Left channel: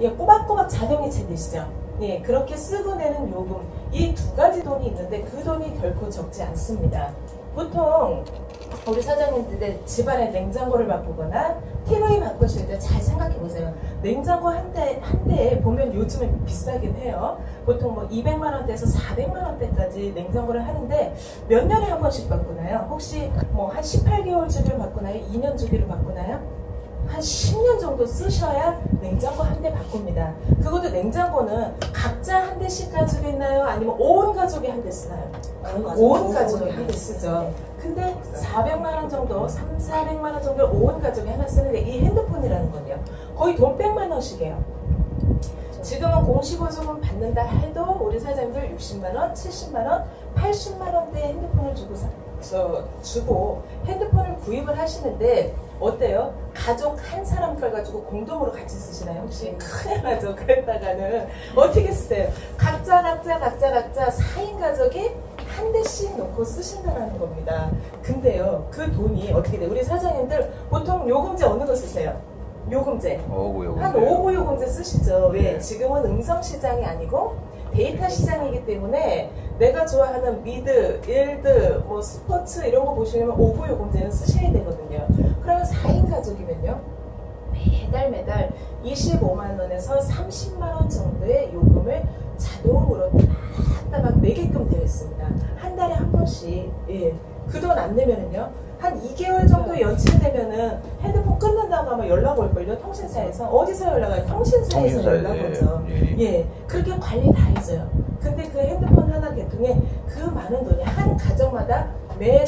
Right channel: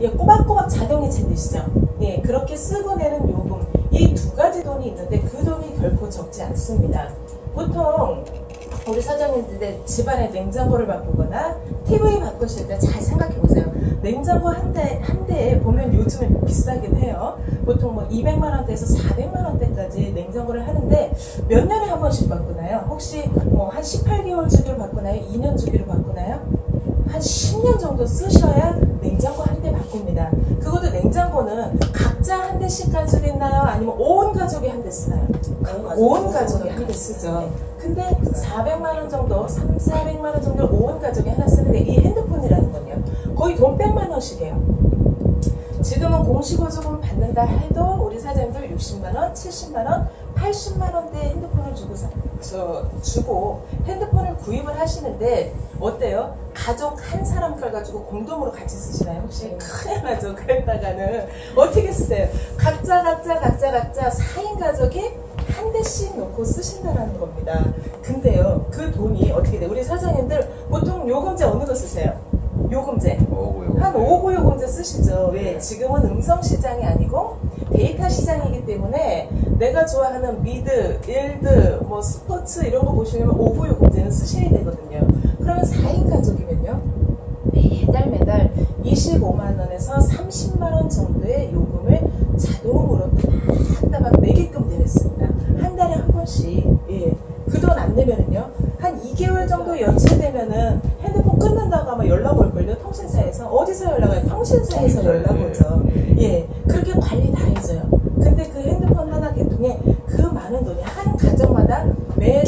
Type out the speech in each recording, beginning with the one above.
예, 꼬박꼬박 자동이 챙기시죠. 예, 그렇게 쓰고 내는 요금, 이 두 가지 돈이 있는데 그 돈이 결코 적지 않습니다. 보통 우리 사장님들 집안에 냉장고를 바꾸거나 TV 바꾸실 때 잘 생각해 보세요. 냉장고 한 대에 보면 요즘은 비싸긴 해요. 보통 뭐 200만 원대에서 400만 원대까지 냉장고를 하는데 몇 년에 한 번씩 바꾸나요? 혹시 뭐 한 18개월 주기로 바꾸나요? 2년 주기로 바꾸나요? 한 10년 정도 쓰셔야 냉장고 한 대 바꿉니다. 그것도 냉장고는 각자 한 대씩 가지겠나요? 아니면 온 가족이 한 대 쓰나요? 온 가족이 한 대 쓰죠. 근데 400만 원 정도, 400만 원 정도 온 가족이 하나 쓰는데 이 핸드폰이라는 건요. 거의 돈 100만 원씩이에요. 지금은 공시보조금 받는다 해도 우리 사장님들 60만 원, 70만 원, 80만 원대 핸드폰을 주고 핸드폰을 구입을 하시는데 어때요? 가족 한 사람 걸 가지고 공동으로 같이 쓰시나요? 혹시 큰일 나죠? 그랬다가는 어떻게 쓰세요? 각자 4인 가족이 한 대씩 놓고 쓰신다는 겁니다. 근데요, 그 돈이 어떻게 돼요? 우리 사장님들 보통 요금제 어느 거 쓰세요? 요금제. 한 5구 요금제 쓰시죠. 왜? 지금은 음성 시장이 아니고 데이터 시장이기 때문에 내가 좋아하는 미드, 일드, 뭐 스포츠 이런 거 보시려면 5구 요금제는 쓰셔야 되거든요. 그러면 4인 가족이면요. 매달 25만 원에서 30만 원 정도의 요금을 자동으로 딱 내게끔 되어 있습니다. 한 달에 한 번씩. 예. 그 돈 안 내면은요, 한 2개월 정도 연체되면은 핸드폰 끊는다고 하면 연락 올걸요, 통신사에서. 어디서 연락 와요? 통신사에서 연락 오죠. 예. 그렇게 관리 다 해줘요. 근데 그 핸드폰 하나 개통에 그 많은 돈이 한 가정마다 매달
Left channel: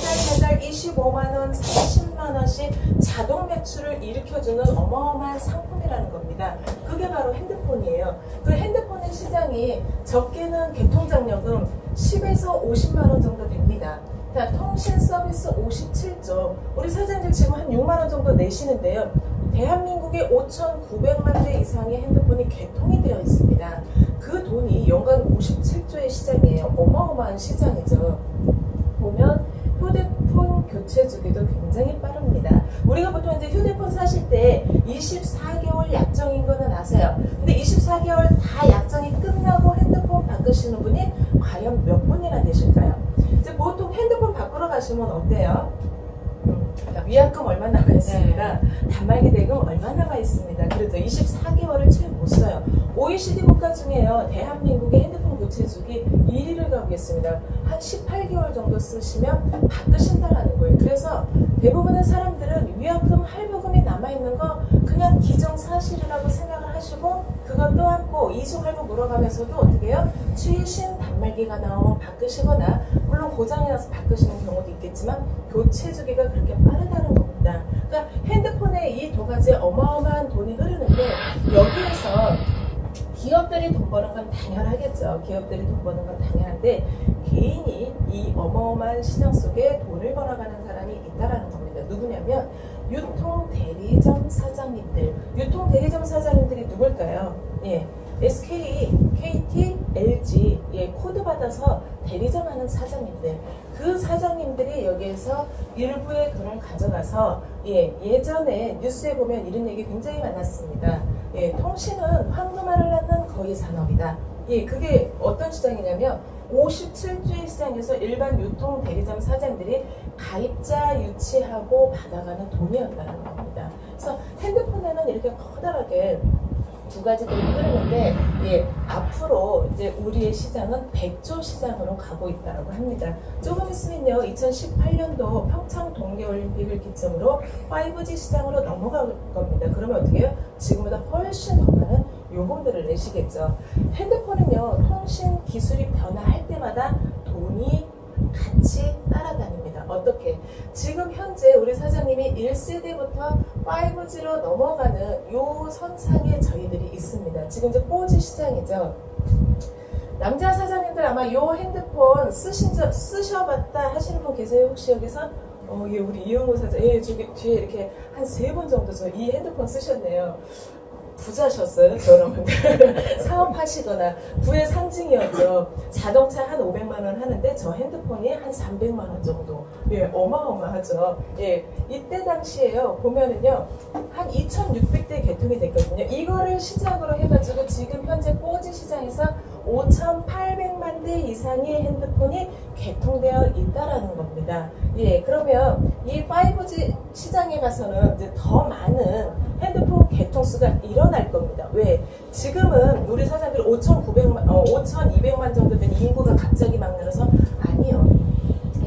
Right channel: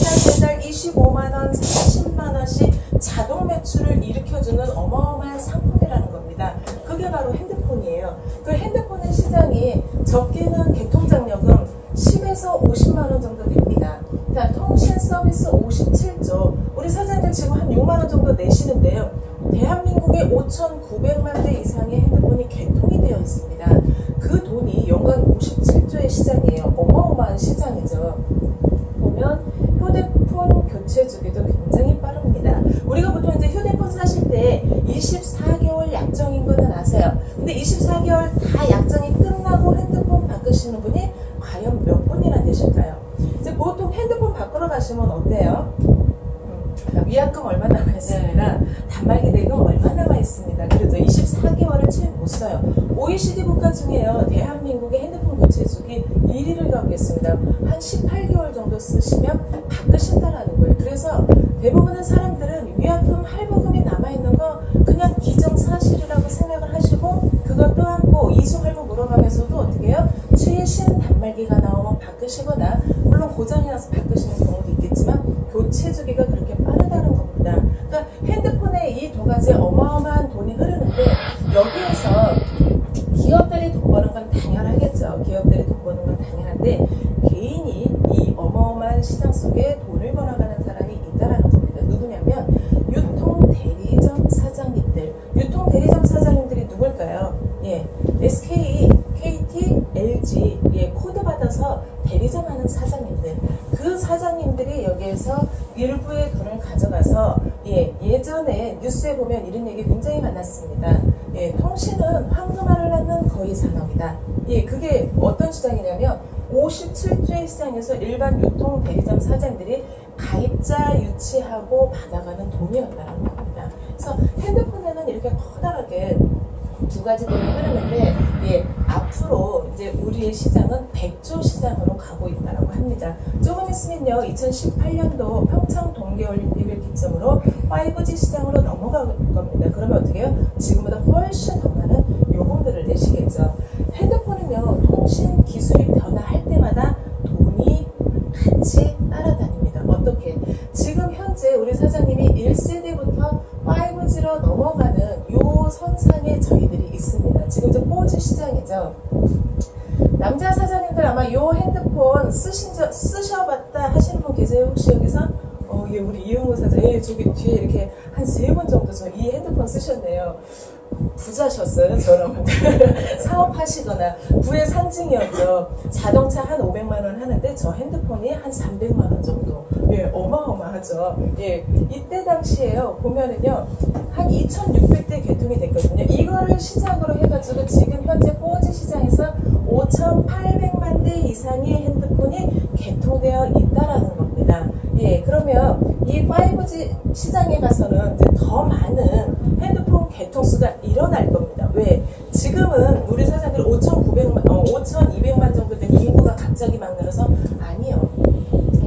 25만원, 30만원씩 자동 매출을 일으켜주는 어마어마한 상품이라는 겁니다. 그게 바로 핸드폰이에요. 그 핸드폰의 시장이 적게는 개통장려금 10에서 50만원 정도 됩니다. 자, 통신 서비스 57조. 우리 사장님들 지금 한 6만원 정도 내시는데요. 대한민국에 5,900만 대 이상의 핸드폰이 개통이 되어 있습니다. 그 돈이 연간 57조의 시장이에요. 어마어마한 시장이죠. 보면 휴대폰 교체 주기도 굉장히 빠릅니다. 우리가 보통 이제 휴대폰 사실 때 24개월 약정인 거는 아세요. 근데 24개월 다 약정이 끝나고 핸드폰 바꾸시는 분이 과연 몇 분이나 되실까요? 이제 보통 핸드폰 바꾸러 가시면 어때요? 위약금 얼마 남아 있습니다. 단말기 대금 얼마 남아 있습니다. 그래서 24개월을 채 못 써요. OECD 국가 중에요. 대한민국의 핸드폰 교체 주기 1위를 가겠습니다. 한 18개월 정도 쓰시면 바꾸신다라는 거예요. 그래서 대부분의 사람들은 위약금, 할부금이 남아있는 거 그냥 기정사실이라고 생각을 하시고 그것도 않고 이수할부 물어가면서도 어떻게 해요? 최신 단말기가 나오면 바꾸시거나 물론 고장이 나서 바꾸시는 경우도 있겠지만 교체 주기가 그렇게 빠르다는 겁니다. 그러니까 핸드폰에 이 두 가지 어마어마한 돈이 흐르는데 여기에서 기업들이 돈 버는 건 당연하겠죠. 기업들이 돈 버는 건 당연한데 개인이 이 어마어마한 시장 속에 돈을 벌어가는 사람이 있다는 겁니다. 누구냐면 유통대리점 사장님들. 유통대리점 사장님들이 누굴까요? 예, SK, KT, LG 예, 코드 받아서 대리점 하는 사장님들. 그 사장님들이 여기에서 일부의 돈을 가져가서 예전에 뉴스에 보면 이런 얘기 굉장히 많았습니다. 예, 통신은 황금알을 낳는 거의 산업이다. 예, 그게 어떤 시장이냐면 57조의 시장에서 일반 유통 대리점 사장들이 가입자 유치하고 받아가는 돈이었다는 겁니다. 그래서 핸드폰에는 이렇게 커다랗게 두 가지 돈이 흐르는데 앞으로 이제 우리의 시장은 100조 시장으로 가고 있다고 합니다. 조금 있으면요 2018년도 평창 동계올림픽을 기점으로 5G 시장으로 넘어갈 겁니다. 그러면 어떻게 해요? 지금보다 훨씬 더 많은 요금들을 내시겠죠. 핸드폰은요 통신 기술이 변화할 때마다 돈이 같이 따라다닙니다. 어떻게? 지금 현재 우리 사장님이 1세대부터 5G로 넘어가는 요 선상에 저희들이 있습니다. 지금 이제 4G 시장이죠. 남자 사장님들 아마 요 핸드폰 쓰셔봤다 하시는 분 계세요? 혹시 여기서? 예, 우리 이용호 사장, 예, 저기 뒤에 이렇게 한 3번 정도 저 이 핸드폰 쓰셨네요. 부자셨어요, 저랑. 사업하시거나 부의 상징이었죠. 자동차 한 500만 원 하는데 저 핸드폰이 한 300만 원 정도. 예, 어마어마하죠. 예, 이때 당시에요. 보면은요, 한 2,600대 개통이 됐거든요. 이거를 시작으로 해가지고 지금 현재 4G 시장에서 5,800만 대 이상의 핸드폰이 개통되어 있다라는 겁니다. 예, 그러면 이 5G 시장에 가서는 이제 더 많은 핸드폰 개통수가 일어날 겁니다. 왜? 지금은 우리 사장들 5,200만 정도 된 인구가 갑자기 막 늘어서 아니요.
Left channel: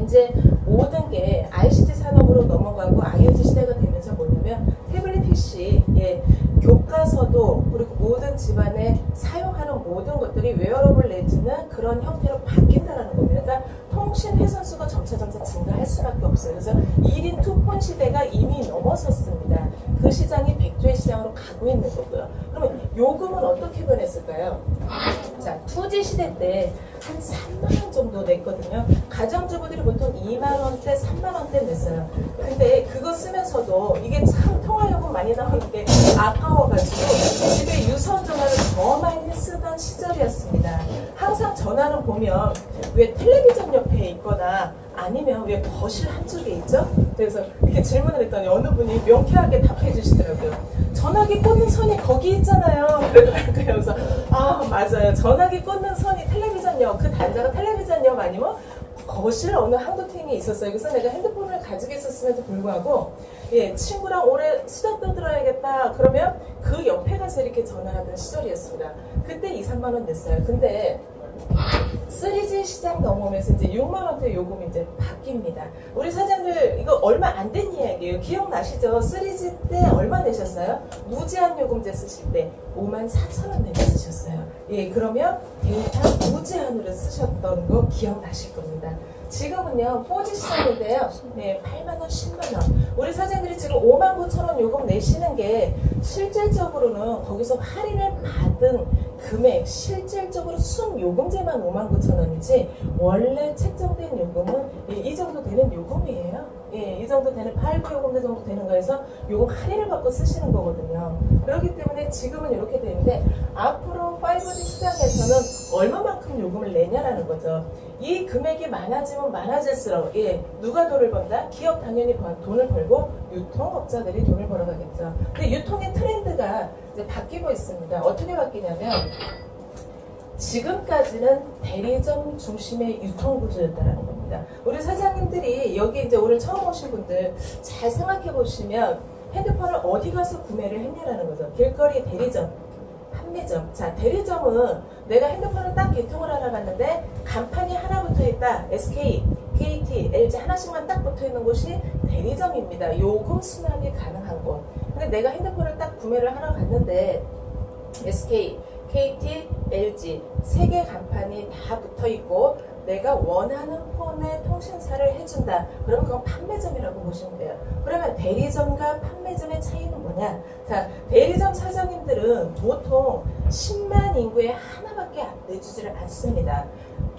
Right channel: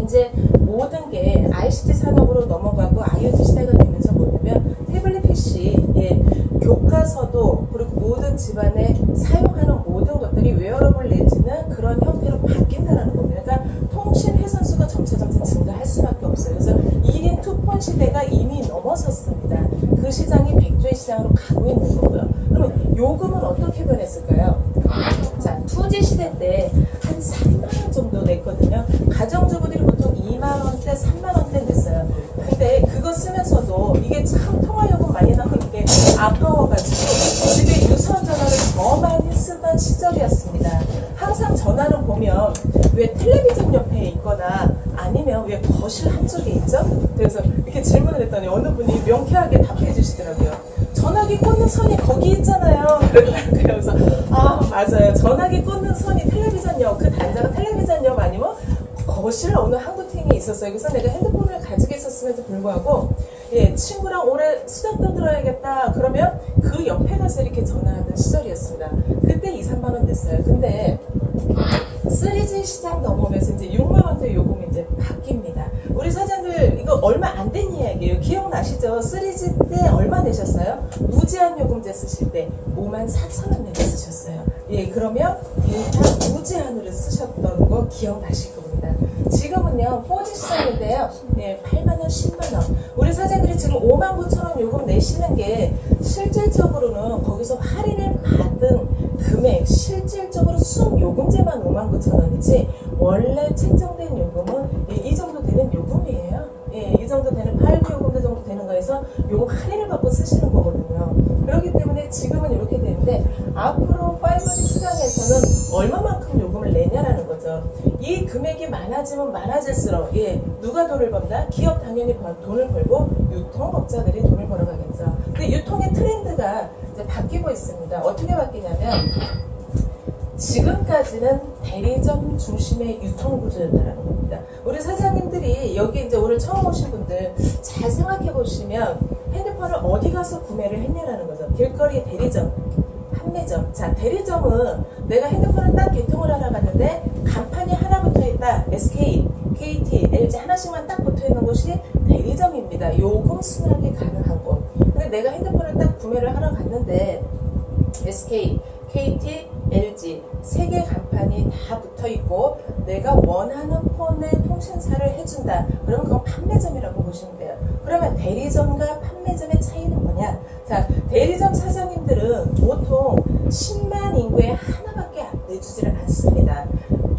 이제 모든 게 ICT 산업으로 넘어가고 IoT 시대가 되면서 뭐냐면 태블릿 PC, 예, 교과서도 그리고 모든 집안에 사용하는 모든 것들이 웨어러블 내지는 그런 형태로 바뀐다는 겁니다. 그러니까 통신 회선수가 점차 증가할 수밖에 없어요. 그래서 1인 투폰 시대가 이미 넘어섰습니다. 그 시장이 백조의 시장으로 가고 있는 거고요. 그러면 요금은 어떻게 변했을까요? 자, 2G 시대 때 한 3만 원 정도 냈거든요. 가정주부들이 보통 2만 원대, 3만 원대 냈어요. 근데 그거 쓰면서도 이게 참 통화요금 많이 나오는데 아까워가지고 집에 유선 전화를 더 많이 쓰던 시절이었습니다. 항상 전화는 보면 왜 텔레비전 옆에 있거나 아니면 왜 거실 한쪽에 있죠? 그래서 이렇게 질문을 했더니 어느 분이 명쾌하게 답해 주시더라고요. 전화기 꽂는 선이 거기 있잖아요. 그래서 아, 맞아요. 전화기 꽂는 선이 텔레비전역, 그 단자가 텔레비전역 아니면 거실 어느 한구팅이 있었어요. 그래서 내가 핸드폰을 가지고 있었음에도 불구하고 예, 친구랑 올해 수다 떠들어야겠다 그러면 그 옆에 가서 이렇게 전화하던 시절이었습니다. 그때 2, 3만 원 냈어요. 근데 3G 시장 넘어오면서 이제 6만 원대 요금이 이제 바뀝니다. 우리 사장들 이거 얼마 안 된 이야기예요. 기억나시죠? 3G 때 얼마 내셨어요? 무제한 요금제 쓰실 때 54,000원 내고 쓰셨어요. 예, 그러면 데이터 무제한으로 쓰셨던 거 기억나실 겁니다. 지금은요 4G 시장인데요. 네, 8만 원, 10만 원. 우리 사장들이 지금 59,000원 요금 내시는 게 실질적으로는 거기서 할인을 받은 금액, 실질적으로 순 요금제만 59,000원이지 원래 책정된 요금은 이 정도 되는 요금이에요. 예, 이 정도 되는 8개 요금제 정도 되는 거에서 요금 할인을 받고 쓰시는 거거든요. 그렇기 때문에 지금은 이렇게 되는데 앞으로 5G 시장에서는 얼마만큼 요금을 내냐라는 거죠. 이 금액이 많아지면 많아질수록 예, 누가 돈을 번다? 기업 당연히 돈을 벌고 유통업자들이 돈을 벌어가겠죠. 근데 유통의 트렌드가 이제 바뀌고 있습니다. 어떻게 바뀌냐면 지금까지는 대리점 중심의 유통 구조였다는 겁니다. 우리 사장님들이 여기 이제 오늘 처음 오신 분들 잘 생각해 보시면 핸드폰을 어디 가서 구매를 했냐라는 거죠. 길거리 대리점, 판매점. 자, 대리점은 내가 핸드폰을 딱 개통을 하러 갔는데 간판이 하나 붙어 있다. SK, KT, LG 하나씩만 딱 붙어 있는 곳이 대리점입니다. 요금 수납이 가능한 곳. 근데 내가 핸드폰을 딱 구매를 하러 갔는데 SK, KT, LG 3개 간판이 다 붙어 있고 내가 원하는 폰의 통신사를 해준다. 그러면 그건 판매점이라고 보시면 돼요. 그러면 대리점과 판매점의 차이는 뭐냐? 자, 대리점 사장님들은 보통 10만 인구에 하나밖에 내주지를 않습니다.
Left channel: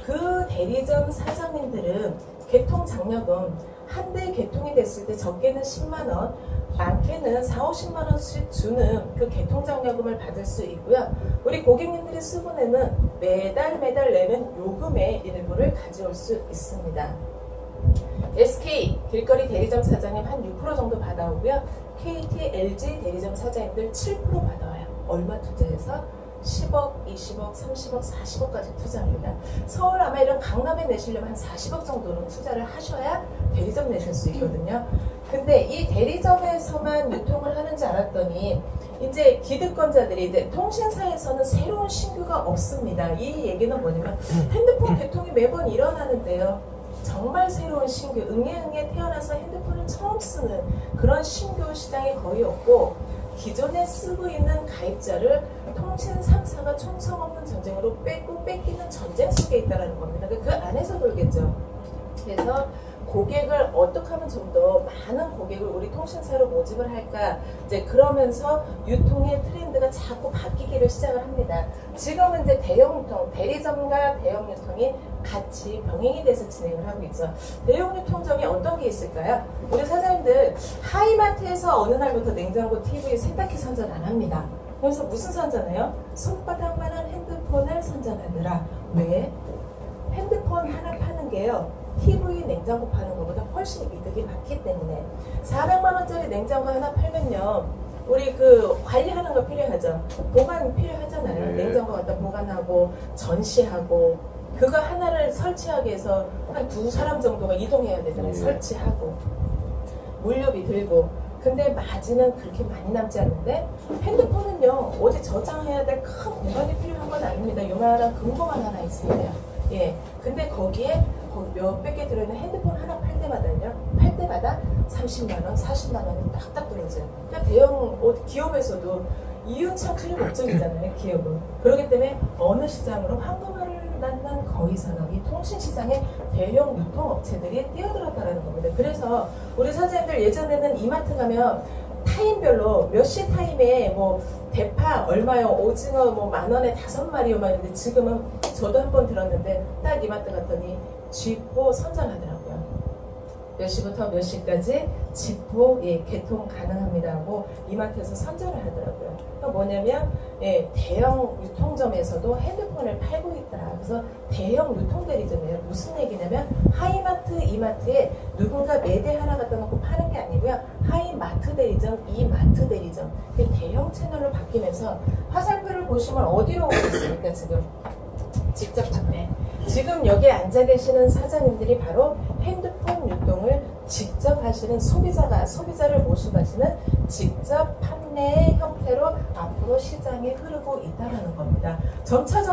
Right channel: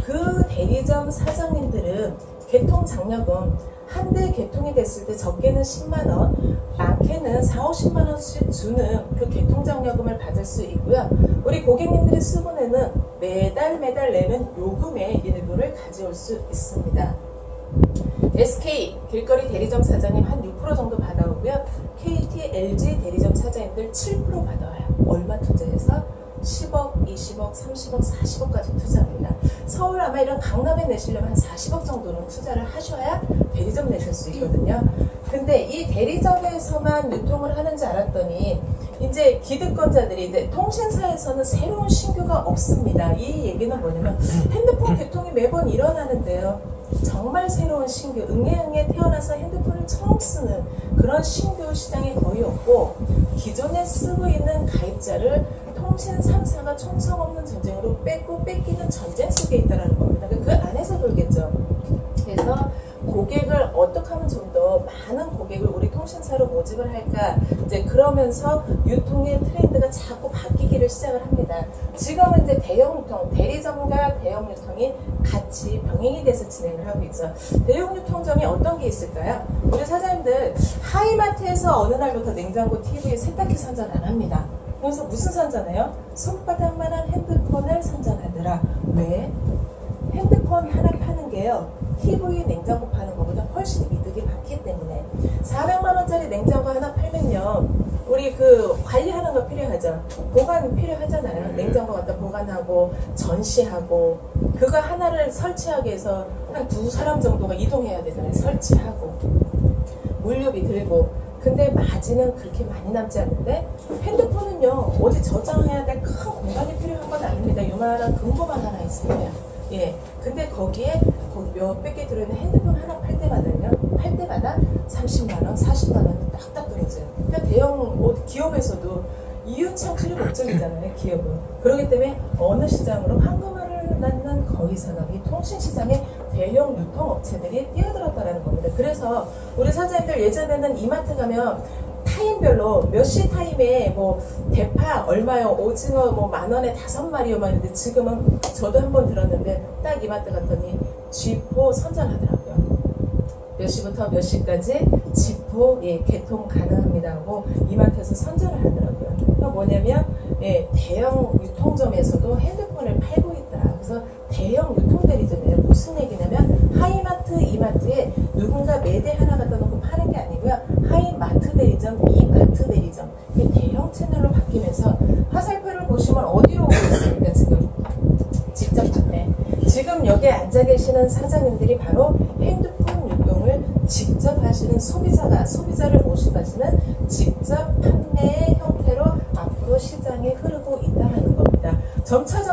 그 대리점 사장님들은 개통장려금 한 대 개통이 됐을 때 적게는 10만원, 많게는 4, 50만원씩 주는 그 개통장려금을 받을 수 있고요. 우리 고객님들이 수분에는 매달 내는 요금의 일부를 가져올 수 있습니다. SK 길거리 대리점 사장님 한 6% 정도 받아오고요. KT, LG 대리점 사장님들 7% 받아와요. 얼마 투자해서? 10억, 20억, 30억, 40억까지 투자합니다. 서울 아마 이런 강남에 내시려면 한 40억 정도는 투자를 하셔야 대리점 내실 수 있거든요. 근데 이 대리점에서만 유통을 하는 줄 알았더니 이제 기득권자들이 이제 통신사에서는 새로운 신규가 없습니다. 이 얘기는 뭐냐면 핸드폰 개통이 매번 일어나는데요. 정말 새로운 신규, 응애응애 태어나서 핸드폰을 처음 쓰는 그런 신규 시장이 거의 없고 기존에 쓰고 있는 가입자를 통신 3사가 총성 없는 전쟁으로 뺏기는 전쟁 속에 있다는 겁니다. 그 안에서 돌겠죠. 그래서 고객을 어떻게 하면 좀 더 많은 고객을 우리 통신사로 모집을 할까? 이제 그러면서 유통의 트렌드가 자꾸 바뀌게 팔기를 시작을 합니다. 지금은 이제 대형 유통, 대리점과 대형 유통이 같이 병행이 돼서 진행을 하고 있죠. 대형 유통점이 어떤 게 있을까요? 우리 사장님들 하이마트에서 어느 날부터 냉장고, TV, 세탁기 선전 안 합니다. 그래서 무슨 선전해요? 손바닥만한 핸드폰을 선전하더라. 왜? 핸드폰 하나 파는 게요, TV, 냉장고 파는 것보다 훨씬 이득이 많기 때문에. 400만 원짜리 냉장고 하나 팔면요, 우리 그 관리하는 거 필요하죠. 보관이 필요하잖아요. 냉장고 갖다 보관하고 전시하고, 그거 하나를 설치하기 위해서 한 2사람 정도가 이동해야 되잖아요. 설치하고 물류비 들고. 근데 마진은 그렇게 많이 남지 않는데, 핸드폰은요 어디 저장해야 될 큰 공간이 필요한 건 아닙니다. 요만한 금고만 하나 있습니다. 예, 근데 거기에 몇백 개 들어있는 핸드폰 하나 팔 때마다 30만원, 40만원이 딱딱 떨어져요. 그러니까 대형 기업에서도 이윤창 클리 목적이잖아요, 기업은. 그렇기 때문에 어느 시장으로 황금알을 낳는 거위산업이 통신시장에 대형 유통업체들이 뛰어들었다는 겁니다. 그래서 우리 사장님들 예전에는 이마트 가면 타임별로 몇 시 타임에 뭐 대파 얼마요, 오징어 뭐 만원에 5마리요 막 이랬는데, 지금은 저도 한번 들었는데 딱 이마트 갔더니 쥐포 선전하더라고요. 몇 시부터 몇 시까지 쥐포 개통 가능합니다 하고 이마트에서 선전을 하더라고요. 그러니까 뭐냐면 대형 유통점에서도 핸드폰을 팔고 있더라. 그래서 대형 유통대리점이에요. 무슨 얘기냐면 하이마트, 이마트에 누군가 매대 하나 갖다 놓고 파는 게 아니고요, 하이마트 대리점, 이마트 대리점, 대형 채널로 바뀌면서 화살표를 보시면 어디로 오고 있습니까? 지금 직접 판매. 지금 여기에 앉아 계시는 사장님들이 바로 핸드폰 유통을 직접 하시는 소비자를 모시고 하시는 직접 판매의 형태로 앞으로 시장에 흐르고 있다는 겁니다. 점차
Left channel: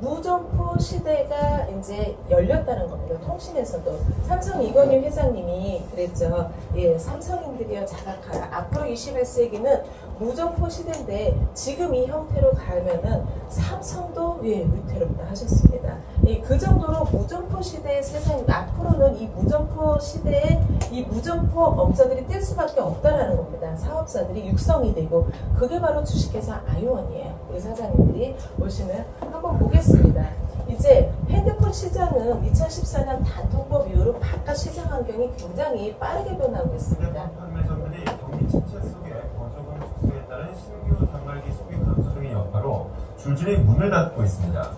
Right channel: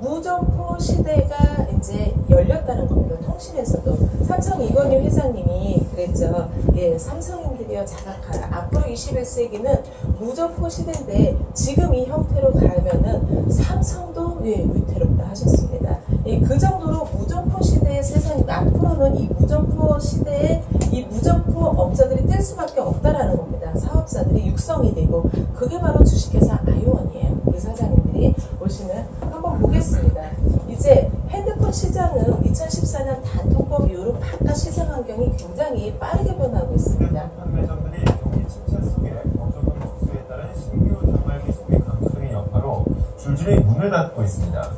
무점포 시대가 이제 열렸다는 겁니다. 통신에서도. 삼성 이건희 회장님이 그랬죠. 삼성인들이여 자각하라. 앞으로 21세기는 무점포 시대인데 지금 이 형태로 가면은 삼성도 위태롭다 하셨습니다. 그 정도로 무점포 시대의 세상, 앞으로는 이 무점포 시대에 이 무점포 업자들이 뜰 수밖에 없다라는 겁니다. 사업자들이 육성이 되고, 그게 바로 주식회사 아이원이에요. 우리 사장님들이 보시면 한번 보겠습니다. 이제 핸드폰 시장은 2014년 단통법 이후로 바깥 시장 환경이 굉장히 빠르게 변하고 있습니다. 판매점들이 경기 침체 속에 거저금 축소에 따른 신규 단말기 소비 감소의 여파로 줄줄이 문을 닫고 있습니다.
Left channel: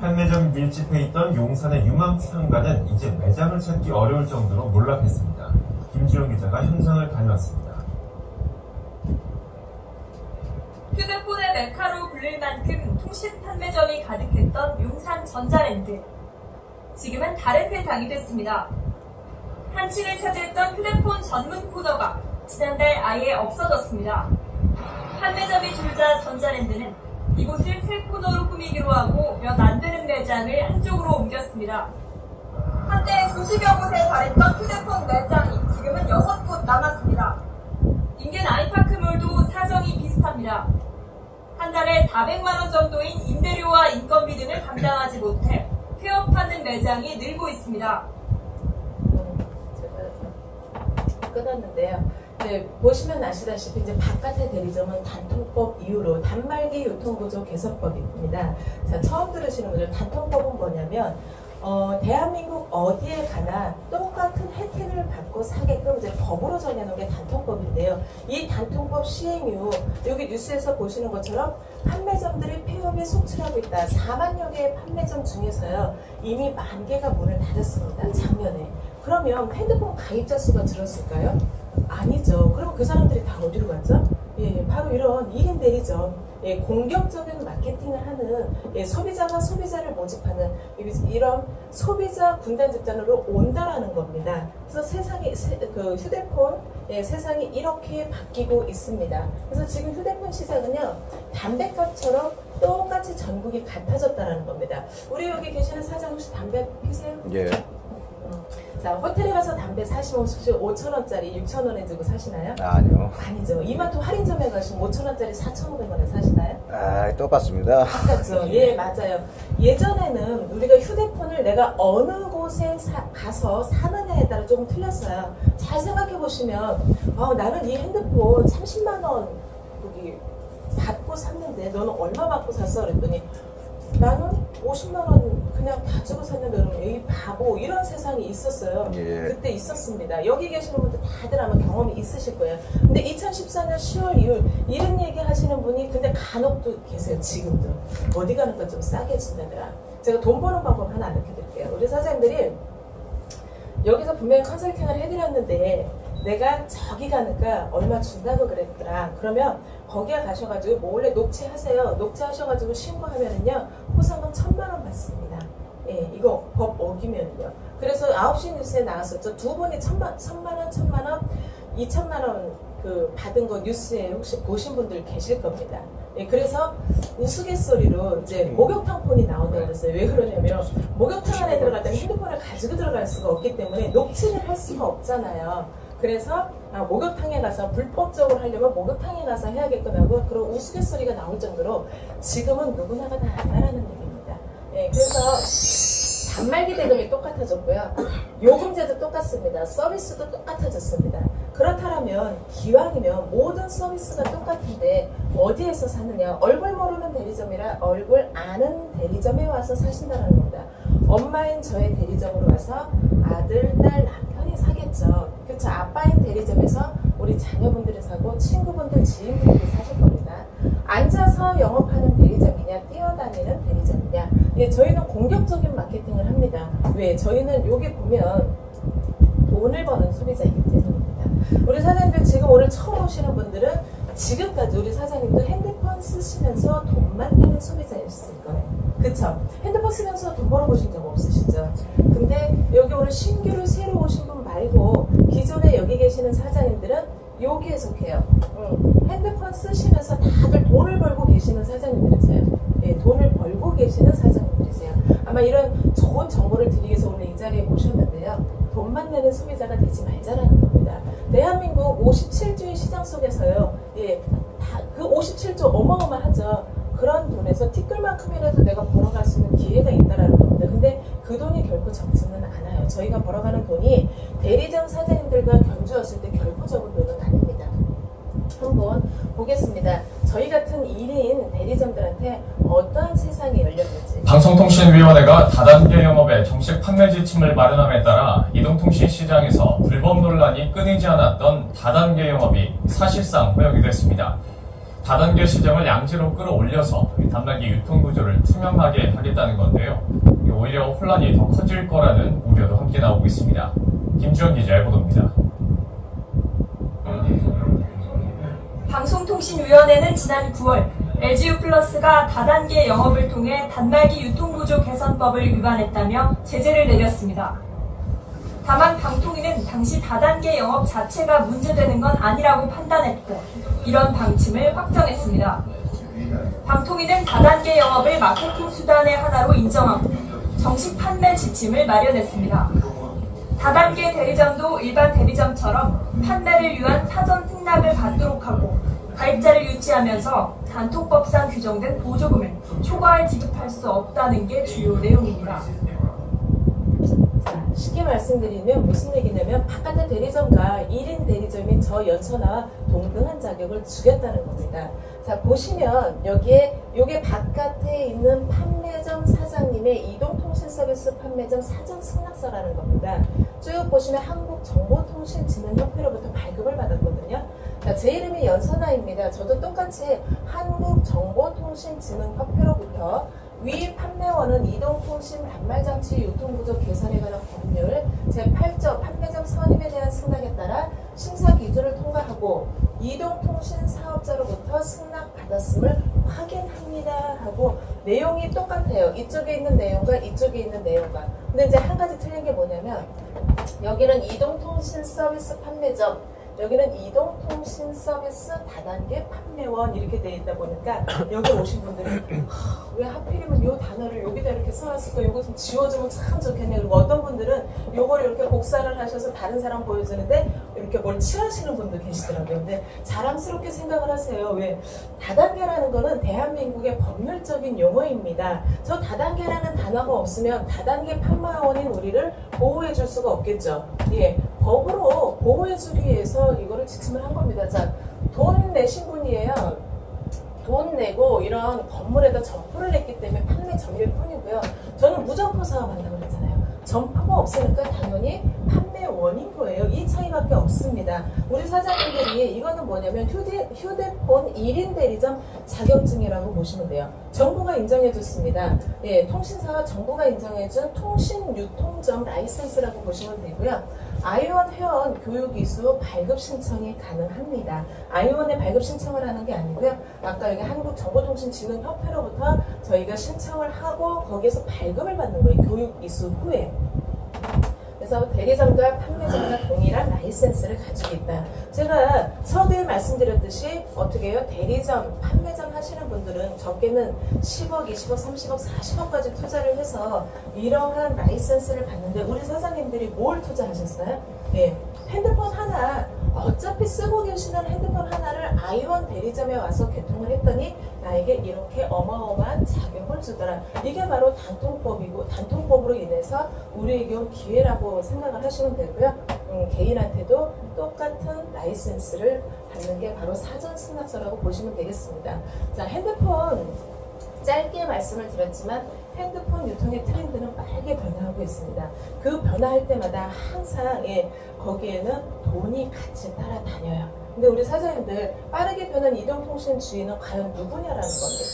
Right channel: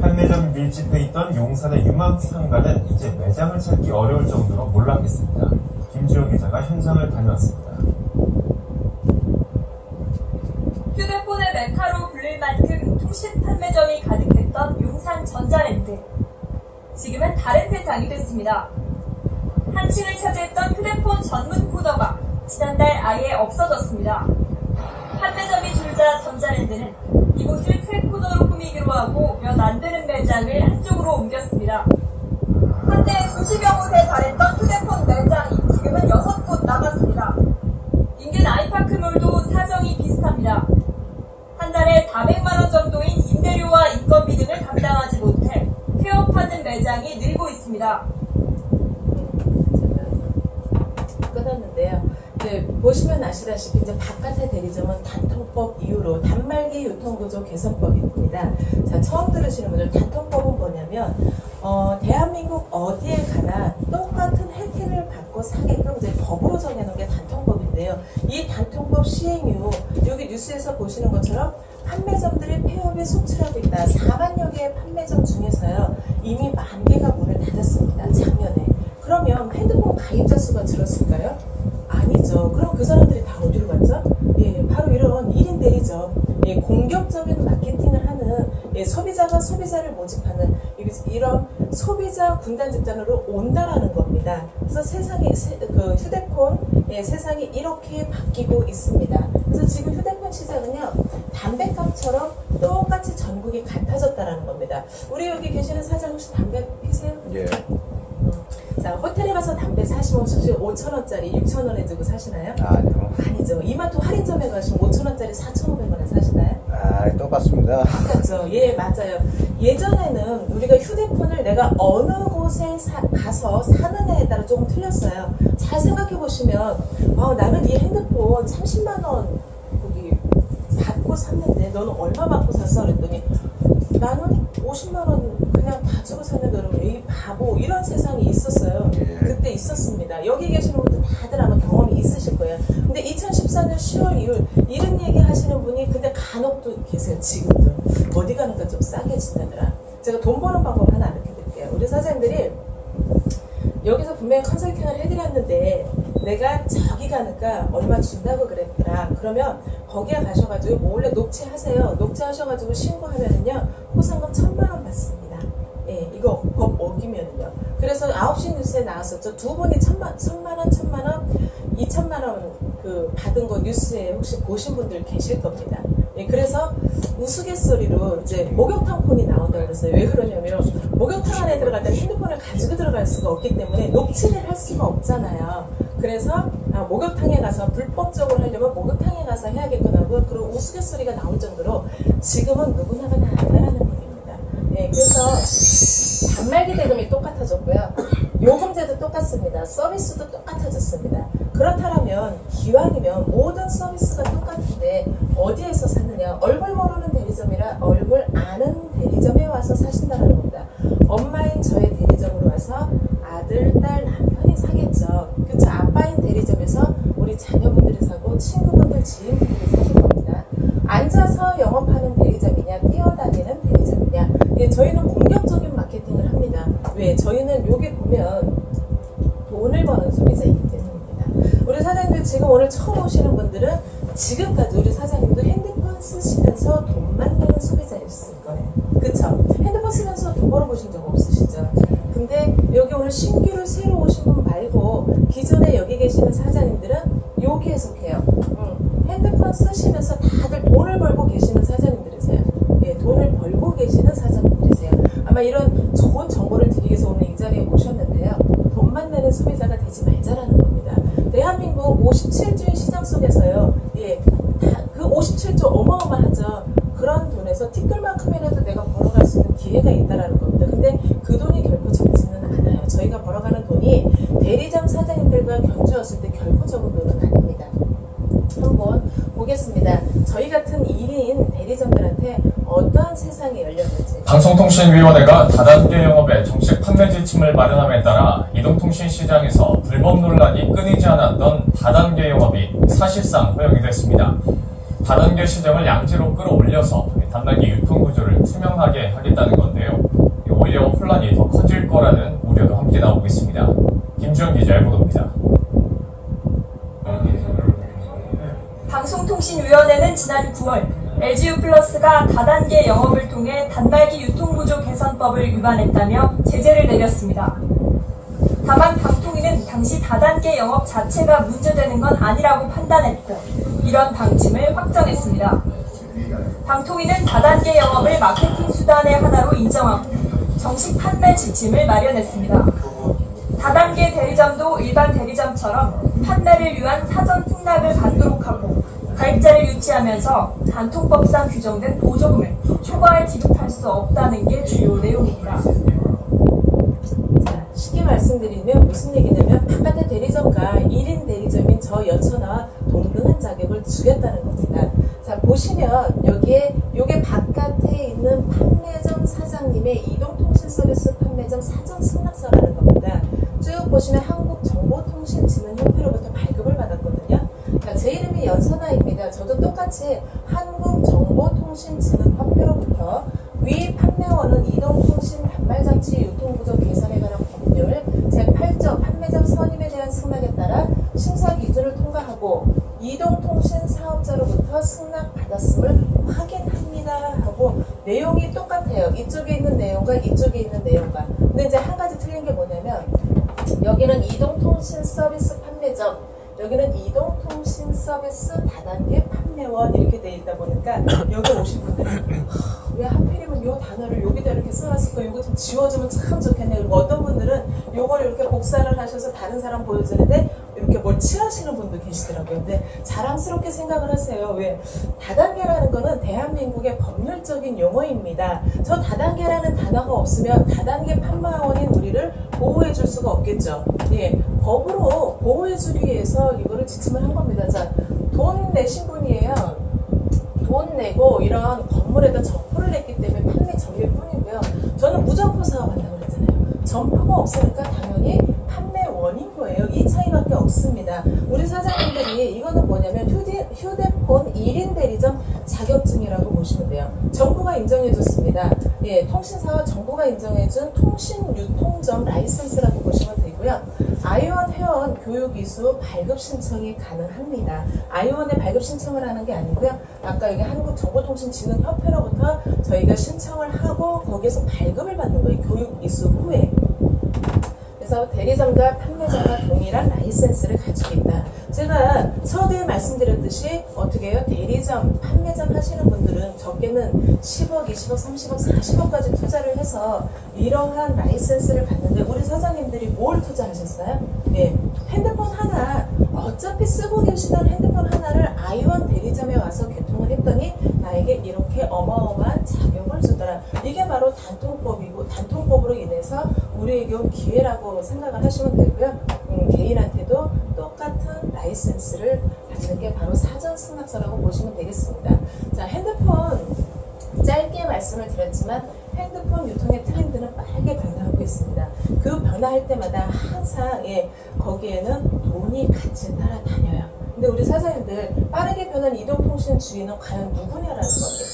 판매점 밀집해 있던 용산의 유망 상가는 이제 매장을 찾기 어려울 정도로 몰락했습니다. 김지호 기자가 현장을 다녀왔습니다. 휴대폰의 메카로 불릴 만큼 통신 판매점이 가득했던 용산 전자랜드. 지금은 다른 세상이 됐습니다. 한층을 차지했던 휴대폰 전문 코너가 지난달 아예 없어졌습니다. 판매점이 줄자 전자랜드는 이곳을 새 코너로 꾸미기로 하고 몇 안 되는 매장을 한쪽으로 옮겼습니다. 한때 수십여 곳에 달했던 휴대폰 매장이 지금은 6곳 남았습니다. 인근 아이파크몰도 사정이 비슷합니다. 한 달에 400만원 정도인 임대료와 인건비 등을 감당하지 못해 폐업하는 매장이 늘고 있습니다. 끊었는데요. 보시면 아시다시피 이제 바깥의 대리점은 단통법 이후로 단말기 유통구조 개선법입니다. 자, 처음 들으시는 분들, 단통법은 뭐냐면 대한민국 어디에 가나 똑같은 혜택을 받고 사게끔 이제 법으로 정해놓은 게 단통법인데요. 이 단통법 시행 이후 여기 뉴스에서 보시는 것처럼 판매점들이 폐업에 속출하고 있다. 4만여 개의 판매점 중에서요, 이미 10,000개가 문을 닫았습니다. 작년에. 그러면 핸드폰 가입자 수가 줄었을까요? 아니죠. 그럼 그 사람들이 다 어디로 갔죠? 바로 이런 1인 대리점, 공격적인 마케팅을 하는, 소비자가 소비자를 모집하는 이런 소비자 군단 집단으로 온다라는 겁니다. 그래서 휴대폰 세상이 이렇게 바뀌고 있습니다. 그래서 지금 휴대폰 시장은요, 담배값처럼 똑같이 전국이 같아졌다라는 겁니다. 우리 여기 계시는 사장 혹시 담배 피세요? 예. 자, 호텔에 가서 담배 사시면 5,000원짜리 6,000원에 주고 사시나요? 아니요. 아니죠. 이마트 할인점에 가시면 5,000원짜리 4,500원에 사시나요? 아, 똑같습니다. 똑같죠. 예, 맞아요. 예전에는 우리가 휴대폰을 내가 어느 곳에 가서 사느냐에 따라 조금 틀렸어요. 잘 생각해 보시면, 나는 이 핸드폰 30만원, 거기 받고 샀는데 너는 얼마 받고 샀어? 그랬더니 나는 50만 원 그냥 다 주고 샀는데 그러면 이 바보 이런 세상이 있었어요. 그때 있었습니다. 여기 계시는 분들 다들 아마 경험이 있으실 거예요. 근데 2014년 10월 이후 이런 얘기 하시는 분이 근데 간혹 또 계세요. 지금도 어디 가니까 좀 싸게 준다더라. 제가 돈 버는 방법 하나 알려드릴게요. 우리 사장님들이 여기서 분명히 컨설팅을 해드렸는데 내가 저기 가니까 얼마 준다고 그랬더라. 그러면 거기에 가셔가지고 몰래 녹취하세요. 녹취하셔가지고 신고하면은요 포상금 1,000만 원 받습니다. 예, 이거 법 어기면은요. 그래서 9시 뉴스에 나왔었죠. 두 분이 1,000만 원, 2,000만 원 그 받은 거 뉴스에 혹시 보신 분들 계실 겁니다. 예, 그래서 우스갯소리로 이제 목욕탕 폰이 나온다고 그랬어요. 왜 그러냐면 목욕탕 안에 들어갈 때 핸드폰을 가지고 들어갈 수가 없기 때문에 녹취를 할 수가 없잖아요. 그래서 목욕탕에 가서 불법적으로 하려면 목욕탕에 가서 해야겠구나 하고 그런 우스갯소리가 나올 정도로 지금은 누구나가 다 안다라는 겁니다. 예, 그래서 단말기 대금이 똑같아졌고요. 요금제도 똑같습니다. 서비스도 똑같아졌습니다. 그렇다면 기왕이면 모든 서비스가 똑같은데 어디에서 사느냐? 얼굴 모르는 대리점이라 얼굴 아는 대리점에 와서 사신다는 겁니다. 엄마인 저의 대리점으로 와서 아들, 딸, 남편이 사겠죠. 그쵸? 아빠인 대리점에서 우리 자녀분들이 사고 친구분들, 지인분들이 사실 겁니다. 앉아서 영업하는 대리점이냐 뛰어다니는 대리점이냐. 예, 저희는 공격적인 마케팅을 합니다. 왜? 저희는 여기 보면 돈을 버는 소비자이기 때문입니다. 우리 사장님들 지금 오늘 처음 오시는 분들은 지금까지 우리 사장님도 핸드폰 쓰시면서 돈만 내는 소비자였을 거예요. 그쵸? 핸드폰 쓰면서 돈 벌어보신 적 없으시죠? 근데 여기 오늘 신규로 새로 오신 분 말고 기존에 여기 계시는 사장님들은 여기에 속해요. 핸드폰 쓰시면서 다들 돈을 벌고 계시는 사장님들이세요. 예, 돈을 벌고 계시는 사장님들이세요. 아마 이런 좋은 정보를 드리기 위해서 오늘 이 자리에 모셨는데요. 돈만 내는 소비자가 되지 말자라는 겁니다. 대한민국 57주의 시장 속에서요. 예, 그 57조 어마어마하죠. 그런 돈에서 티끌만큼이라도 내가 벌어갈 수 있는 기회가 있다라는 겁니다. 근데 그 돈이 결코 적지는 않아요. 저희가 벌어가는 돈이 대리점 사장님들과 견주었을 때 결코 적은 돈은 아닙니다. 한번 보겠습니다. 저희 같은 1인 대리점들한테 어떠한 세상이 열렸는지. 방송통신위원회가 다단계 영업의 정식 판매 지침을 마련함에 따라 이동통신 시장에서 불법 논란이 끊이지 않았던 다단계 영업이 사실상 허용이 됐습니다. 다단계 시장을 양지로 끌어올려서 단말기 유통구조를 투명하게 하겠다는 건데요. 오히려 혼란이 더 커질 거라는 우려도 함께 나오고 있습니다. 김주영 기자의 보도입니다. 방송통신위원회는 지난 9월 LG유플러스가 다단계 영업을 통해 단말기 유통구조 개선법을 위반했다며 제재를 내렸습니다. 다만 방통위는 당시 다단계 영업 자체가 문제되는 건 아니라고 판단했고 이런 방침을 확정했습니다. 방통위는 다단계 영업을 마케팅 수단의 하나로 인정하고 정식 판매 지침을 마련했습니다. 다단계 대리점도 일반 대리점처럼 판매를 위한 사전 특락을 받도록 하고 가입자를 유치하면서 단통법상 규정된 보조금을 초과할 지급할 수 없다는 게 주요 내용입니다. 자, 쉽게 말씀드리면 무슨 얘기냐면 바깥의 대리점과 1인 대리점인 저 연천아와 동등한 자격을 주겠다는 겁니다. 자, 보시면 여기에 요게 바깥에 있는 판매점 사장님의 이동통신 서비스 판매점 사전 승낙서라는 겁니다. 쭉 보시면 한국정보통신진흥협회로부터 발급을 받았거든요. 자, 제 이름이 연선아입니다. 저도 똑같이 한국정보통신진흥협회로부터 위 판매원은 이동통신 단말장치 유통구조 개선에 관한 법률 제8조 판매점 선임에 대한 승낙에 따라 심사 기준을 통과하고 이동통신 사업자로부터 승낙받았음을 확인합니다 하고 내용이 똑같아요. 이쪽에 있는 내용과 이쪽에 있는 내용과. 근데 이제 한 가지 틀린 게 뭐냐면 여기는 이동통신 서비스 판매점, 여기는 이동통신 서비스 다단계 판매원 이렇게 돼 있다 보니까 여기 오신 분들은 왜 하필이면 이 단어를 여기다 이렇게 써놨을까, 이거 좀 지워주면 참 좋겠네. 그리고 어떤 분들은 이걸 이렇게 복사를 하셔서 다른 사람 보여주는데 이렇게 뭘 칠하시는 분도 계시더라고요. 근데 자랑스럽게 생각을 하세요. 왜? 다단계라는 거는 대한민국의 법률적인 용어입니다. 저 다단계라는 단어가 없으면 다단계 판매원인 우리를 보호해 줄 수가 없겠죠. 예, 법으로 보호해 주기 위해서 이거를 지침을 한 겁니다. 자, 돈 내신 분이에요. 돈 내고 이런 건물에다 점포를 냈기 때문에 판매 점유일 뿐이고요. 저는 무점포 사업한다고 그랬잖아요. 점포가 없으니까 당연히 판매원인 거예요. 이 차이밖에 없습니다. 우리 사장님들이 이거는 뭐냐면 휴대폰 1인 대리점 자격증이라고 보시면 돼요. 정부가 인정해줬습니다. 예, 통신사와 정부가 인정해준 통신유통점 라이센스라고 보시면 되고요. 아이원 회원 교육이수 발급 신청이 가능합니다. 아이원에 발급 신청을 하는 게 아니고요. 아까 여기 한국정보통신진흥협회로부터 저희가 신청을 하고 거기에서 발급을 받는 거예요. 교육이수 후에. 그래서 대리점과 판매점과 동일한 라이센스를 가지고 있다. 제가 서두에 말씀드렸듯이 어떻게 해요? 대리점, 판매점 하시는 분들은 적게는 10억, 20억, 30억, 40억까지 투자를 해서 이러한 라이센스를 받는데 우리 사장님들이 뭘 투자하셨어요? 네, 핸드폰 하나, 어차피 쓰고 계시던 핸드폰 하나를 아이원 대리점에 와서 개통을 했더니 나에게 이렇게 어마어마한 자격을 주더라. 이게 바로 단통법이고 단통법으로 인해서 우리에게 온 기회라고 생각을 하시면 되고요. 개인한테도 똑같은 라이센스를 받는 게 바로 사전 승낙서라고 보시면 되겠습니다. 자, 핸드폰 짧게 말씀을 드렸지만 핸드폰 유통의 트렌드는 빠르게 변화하고 있습니다. 그 변화할 때마다 항상 거기에는 돈이 같이 따라다녀요. 근데 우리 사장님들 빠르게 변한 이동통신 주인은 과연 누구냐라는 건데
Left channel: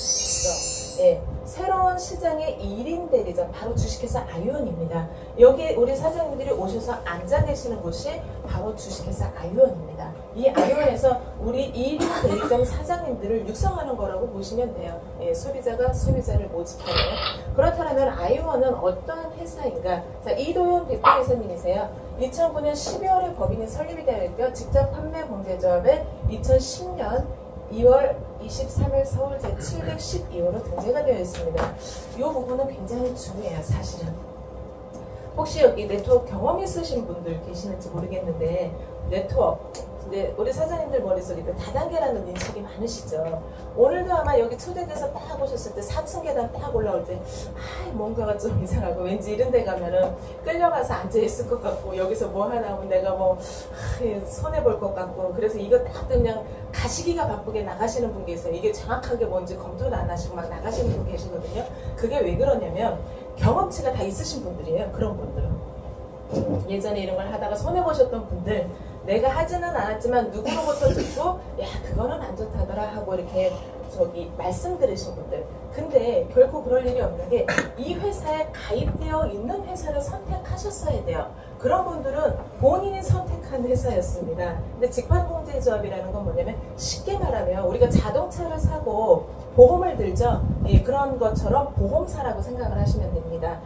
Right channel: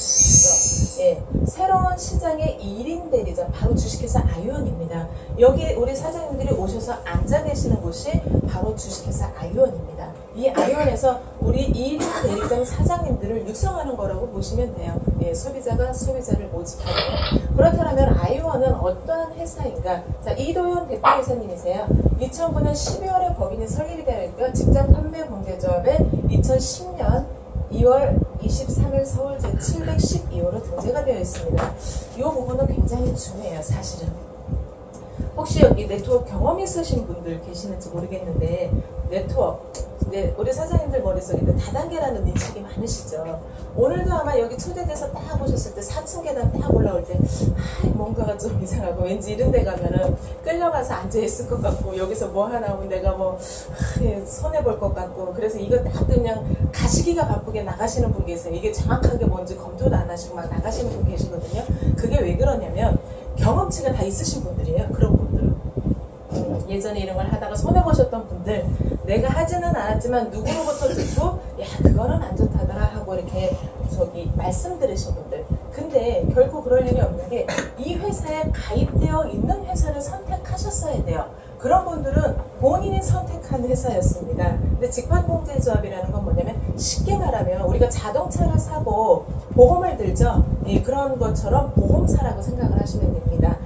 새로운 시장의 1인 대리점 바로 주식회사 아이원입니다. 여기 우리 사장님들이 오셔서 앉아 계시는 곳이 바로 주식회사 아이원입니다. 이 아이원에서 우리 1인 대리점 사장님들을 육성하는 거라고 보시면 돼요. 소비자가 소비자를 모집하는. 그렇다면 아이원은 어떠한 회사인가? 자, 이도현 대표이사님이세요. 2009년 12월에 법인이 설립이 되니까 직접 판매 공제조합에 2010년 2월 23일 서울 제712호로 등재가 되어 있습니다. 이 부분은 굉장히 중요해요, 사실은. 혹시 여기 네트워크 경험 있으신 분들 계시는지 모르겠는데 네트워크, 우리 사장님들 머릿속에 다단계라는 인식이 많으시죠. 오늘도 아마 여기 초대돼서 딱 보셨을 때 4층 계단 딱 올라올 때 뭔가가 좀 이상하고 왠지 이런 데 가면은 끌려가서 앉아있을 것 같고 여기서 뭐 하나 하면 내가 손해볼 것 같고 그래서 이거 딱 그냥 가시기가 바쁘게 나가시는 분 계세요. 이게 정확하게 뭔지 검토도 안 하시고 막 나가시는 분 계시거든요. 그게 왜 그러냐면 경험치가 다 있으신 분들이에요. 그런 분들은. 예전에 이런 걸 하다가 손해보셨던 분들, 내가 하지는 않았지만 누구로부터 듣고 야 그거는 안 좋다더라 하고 이렇게 말씀 들으신 분들. 근데 결코 그럴 일이 없는 게 이 회사에 가입되어 있는 회사를 선택하셨어야 돼요. 그런 분들은 본인이 선택한 회사였습니다. 근데 직판공제조합이라는 건 뭐냐면 쉽게 말하면 우리가 자동차를 사고 보험을 들죠. 그런 것처럼 보험사라고 생각을 하시면 됩니다.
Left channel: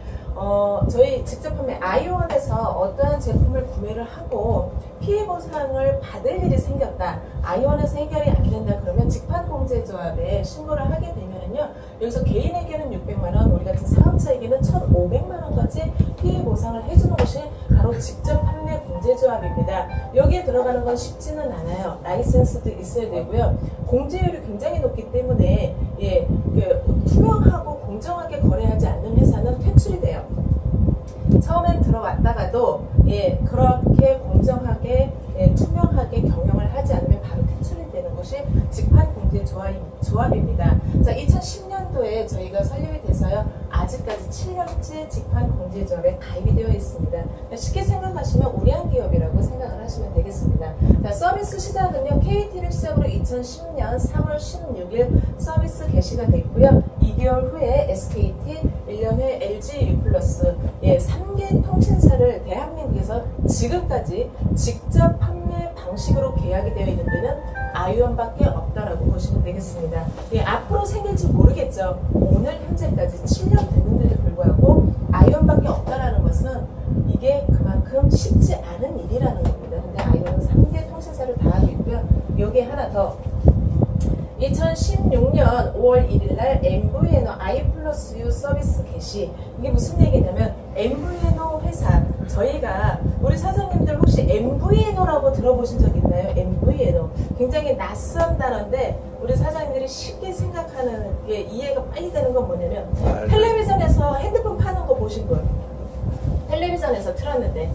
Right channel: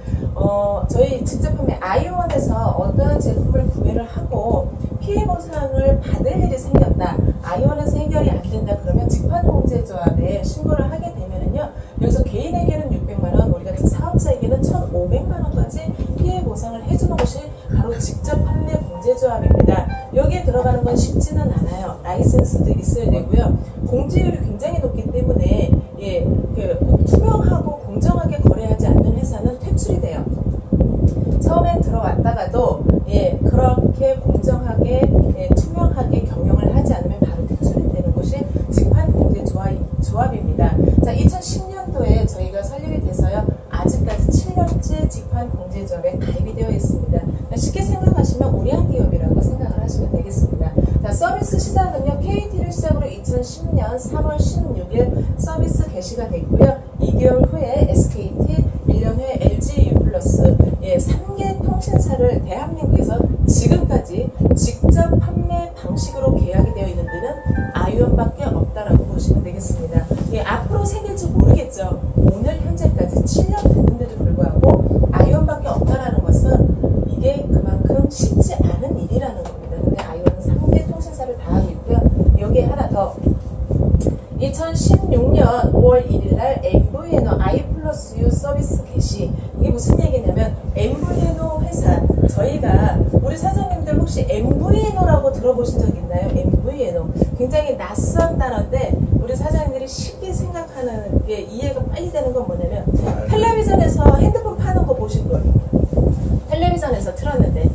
저희 직접 판매 아이원에서 어떠한 제품을 구매를 하고 피해 보상을 받을 일이 생겼다. 아이원에서 해결이 안 된다. 그러면 직판공제조합에 신고를 하게 되면은요. 여기서 개인에게는 600만원, 우리 같은 사업자에게는 1,500만원까지 피해 보상을 해주는 것이 바로 직접 판매 공제조합입니다. 여기에 들어가는 건 쉽지는 않아요. 라이센스도 있어야 되고요. 공제율이 굉장히 높기 때문에 투명하고 공정하게 거래하지 않는 회사는 퇴출이 돼요. 처음엔 들어왔다가도 그렇게 공정하게 투명하게 경영을 하지 않으면 바로 퇴출이 되는 것이 직판공제조합입니다. 자, 2010년도에 저희가 설립이 돼서요. 아직까지 7년째 직판공제조합에 가입이 되어 있습니다. 쉽게 생각하시면 우량 기업이라고 생각을 하시면 되겠습니다. 자, 서비스 시작은요. KT를 시작으로 2010년 3월 16일 서비스 개시가 됐고요. 2개월 후에 SKT, 1년 후에 LG U+, 3개 통신사를 대한민국에서 지금까지 직접 판매 방식으로 계약이 되어 있는 데는 아이원밖에 없다라고 보시면 되겠습니다. 앞으로 생길지 모르겠죠. 오늘 현재까지 7년 됐는데도 불구하고 아이원밖에 없다라는 것은 이게 그만큼 쉽지 않은 일이라는 겁니다. 근데 아이원은 3개 통신사를 다 하고 있고요. 여기에 하나 더. 2016년 5월 1일 날 MVNO I+U 서비스 개시. 이게 무슨 얘기냐면 MVNO 회사, 저희가 우리 사장님들 혹시 MVNO라고 들어보신 적 있나요? MVNO 굉장히 낯선 단어인데 우리 사장님들이 쉽게 생각하는 게 이해가 빨리 되는 건 뭐냐면 텔레비전에서 핸드폰 파는 거 보신 분, 텔레비전에서 틀었는데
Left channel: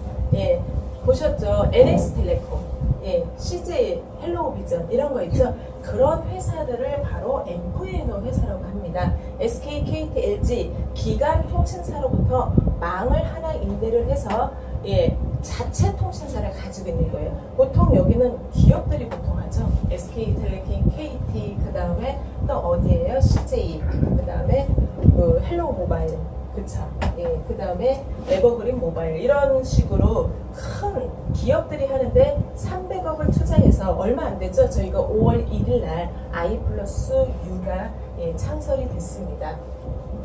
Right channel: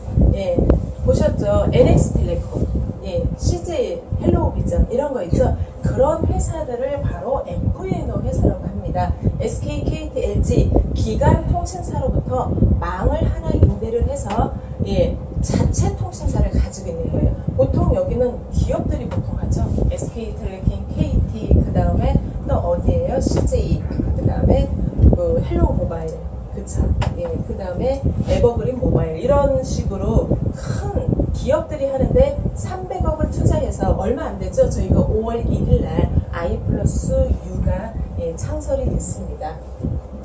보셨죠? NX텔레콤. 예, CJ, 헬로우비전 이런 거 있죠. 그런 회사들을 바로 MVNO 회사라고 합니다. SK, KT, LG 기간 통신사로부터 망을 하나 임대를 해서 예, 자체 통신사를 가지고 있는 거예요. 보통 여기는 기업들이 보통 하죠. SK텔레콤, KT, 그 다음에 또 어디예요? CJ, 그 다음에 그 헬로우 모바일, 그쵸? 예, 그 다음에 에버그린 모바일 이런 식으로 큰 기업들이 하는데 300억을 투자해서 얼마 안 되죠? 저희가 5월 1일 날 I+U가 예, 창설이 됐습니다.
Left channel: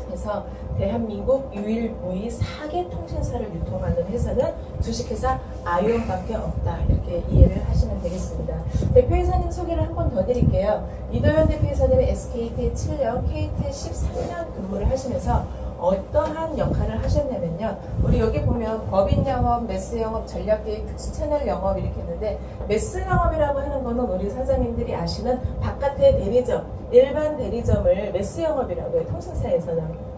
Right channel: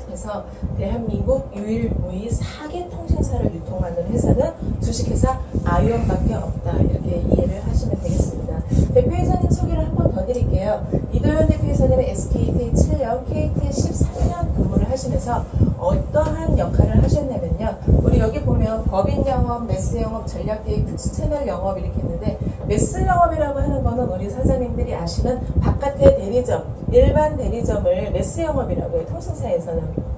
그래서 대한민국 유일무이 4개 통신사를 유통하는 회사는 주식회사 아이온밖에 없다. 이렇게 이해를 하시면 되겠습니다. 대표이사님 소개를 한 번 더 드릴게요. 이도현 대표이사님은 SKT 7년, KT 13년 근무를 하시면서 어떠한 역할을 하셨냐면요. 우리 여기 보면 법인 영업, 매스 영업, 전략기획, 특수 채널 영업 이렇게 있는데 매스 영업이라고 하는 거는 우리 사장님들이 아시는 바깥의 대리점, 일반 대리점을 매스 영업이라고 해요. 통신사에서는.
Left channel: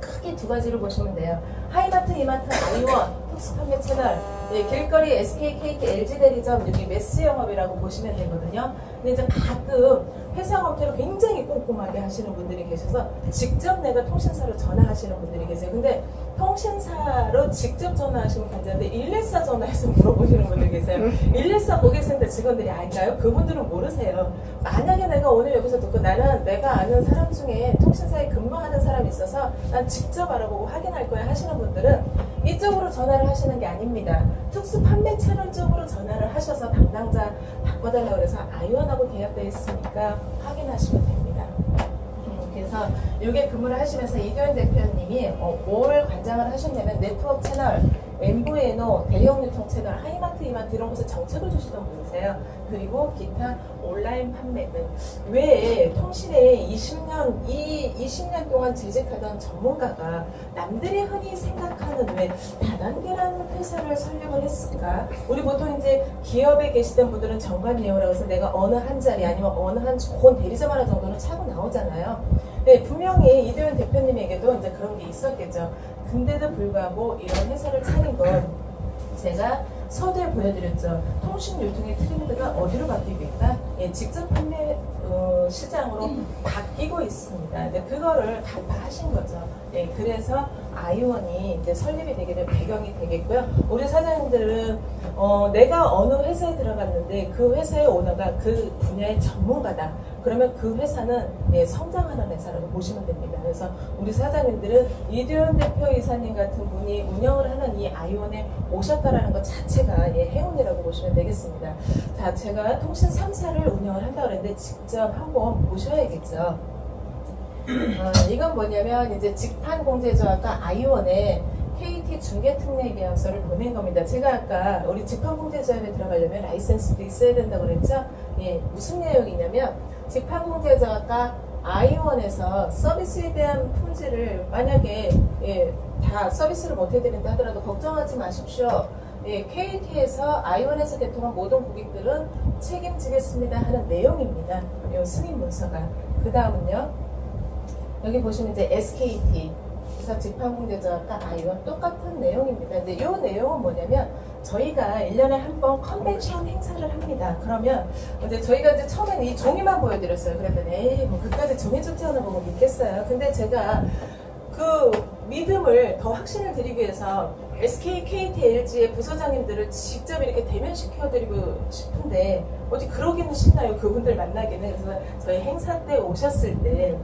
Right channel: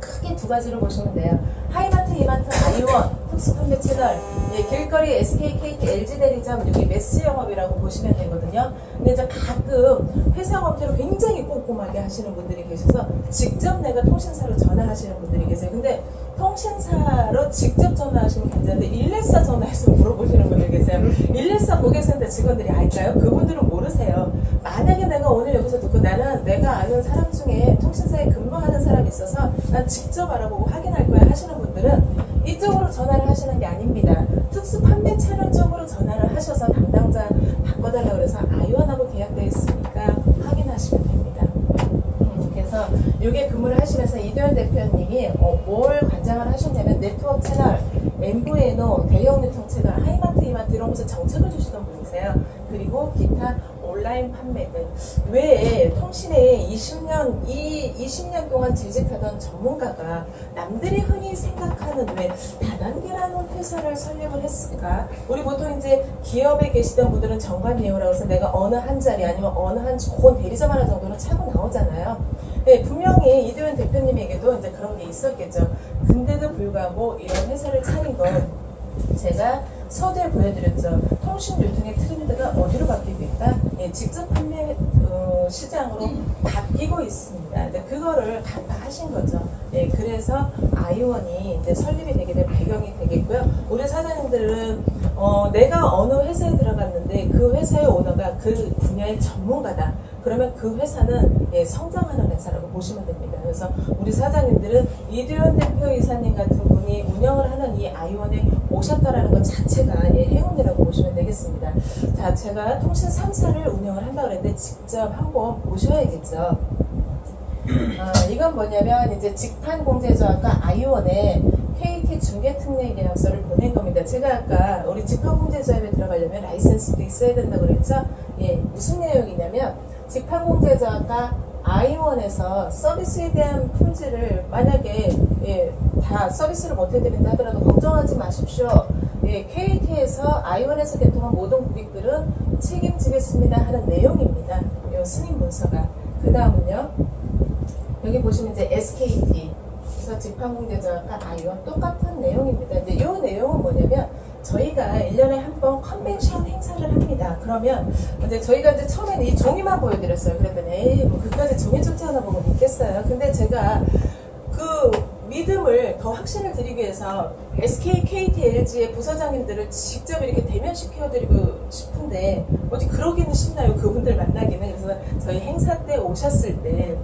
크게 두 가지로 보시면 돼요. 하이마트, 이마트, 아이원, 특수판매 채널, 예, 길거리 SK, KT, LG 대리점 여기 매스 영업이라고 보시면 되거든요. 근데 이제 가끔 회사업체로 굉장히 꼼꼼하게 하시는 분들이 계셔서 직접 내가 통신사로 전화하시는 분들이 계세요. 근데 통신사로 직접 전화하시면 괜찮은데 114 전화해서 물어보시는 분들 계세요. 114 고객센터 직원들이 알까요? 그분들은 모르세요. 만약에 내가 오늘 여기서 듣고 나는 내가 아는 사람 중에 통신사에 근무하는 사람이 있어서 난 직접 알아보고 확인할 거야 하시는 분들은 이쪽으로 전화를 하시는 게 아닙니다. 특수 판매 채널 쪽으로 전화를 하셔서 담당자 바꿔달라고 그래서 아이원하고 계약되어 있으니까 확인하시면 됩니다. 그래서 이게 근무를 하시면서 이도현 대표님이 뭘 관장을 하셨냐면 네트워크 채널, MVNO, 대형 유통 채널, 하이마트, 이마트 이런 곳에 정책을 주시던 분이세요. 그리고 기타 온라인 판매 등 외에 통신에 20년 동안 재직하던 전문가가 남들이 흔히 생각하는 왜 다단계라는 회사를 설명을 했을까? 우리 보통 이제 기업에 계시던 분들은 정관예우라고 해서 내가 어느 한 자리 아니면 어느 한 좋은 대리점 하나 정도는 차고 나오잖아요. 네, 분명히 이도현 대표님에게도 이제 그런 게 있었겠죠. 근데도 불구하고 이런 회사를 차린 건 제가 서두에 보여드렸죠. 통신 유통의 트렌드가 어디로 바뀌고 있다? 예, 직접 판매 시장으로 바뀌고 있습니다. 근데 그거를 간파하신 거죠. 예, 그래서 아이원이 이제 설립이 되게 된 배경이 되겠고요. 우리 사장님들은 내가 어느 회사에 들어갔는데 그 회사의 오너가 그 분야의 전문가다. 그러면 그 회사는 예, 성장하는 회사라고 보시면 됩니다. 그래서 우리 사장님들은 이도현 대표이사님 같은 분이 운영을 하는 이 아이원에 오셨다라는 것 자체가 예, 행운이라고 보시면 되겠습니다. 자, 제가 통신 3사를 운영을 한다고 그랬는데 직접 한번 보셔야겠죠. 이건 뭐냐면 이제 직판공제조합과 아이원에 KT 중개특례 계약서를 보낸 겁니다. 제가 아까 우리 직판공제조합에 들어가려면 라이센스도 있어야 된다고 그랬죠. 예, 무슨 내용이냐면 직판공제조합과 아이원에서 서비스에 대한 품질을 만약에 예, 다 서비스를 못 해드린다 하더라도 걱정하지 마십시오. 예, KT에서 아이원에서 개통한 모든 고객들은 책임지겠습니다 하는 내용입니다. 이 승인 문서가. 그 다음은요. 여기 보시면 이제 SKT 그래서 직판공제조합과 아이원 똑같은 내용입니다. 근데 이 내용은 뭐냐면 저희가 1년에 한 번 컨벤션 행사를 합니다. 그러면 이제 저희가 이제 처음에는 이 종이만 보여드렸어요. 그랬더니 에이 뭐 그까지 종이 쪽지 하나 보고 믿겠어요. 근데 제가 그 믿음을 더 확신을 드리기 위해서 SK, KT, LG의 부서장님들을 직접 이렇게 대면시켜드리고 싶은데 어디 그러기는 쉽나요? 그분들 만나기는. 그래서 저희 행사 때 오셨을 때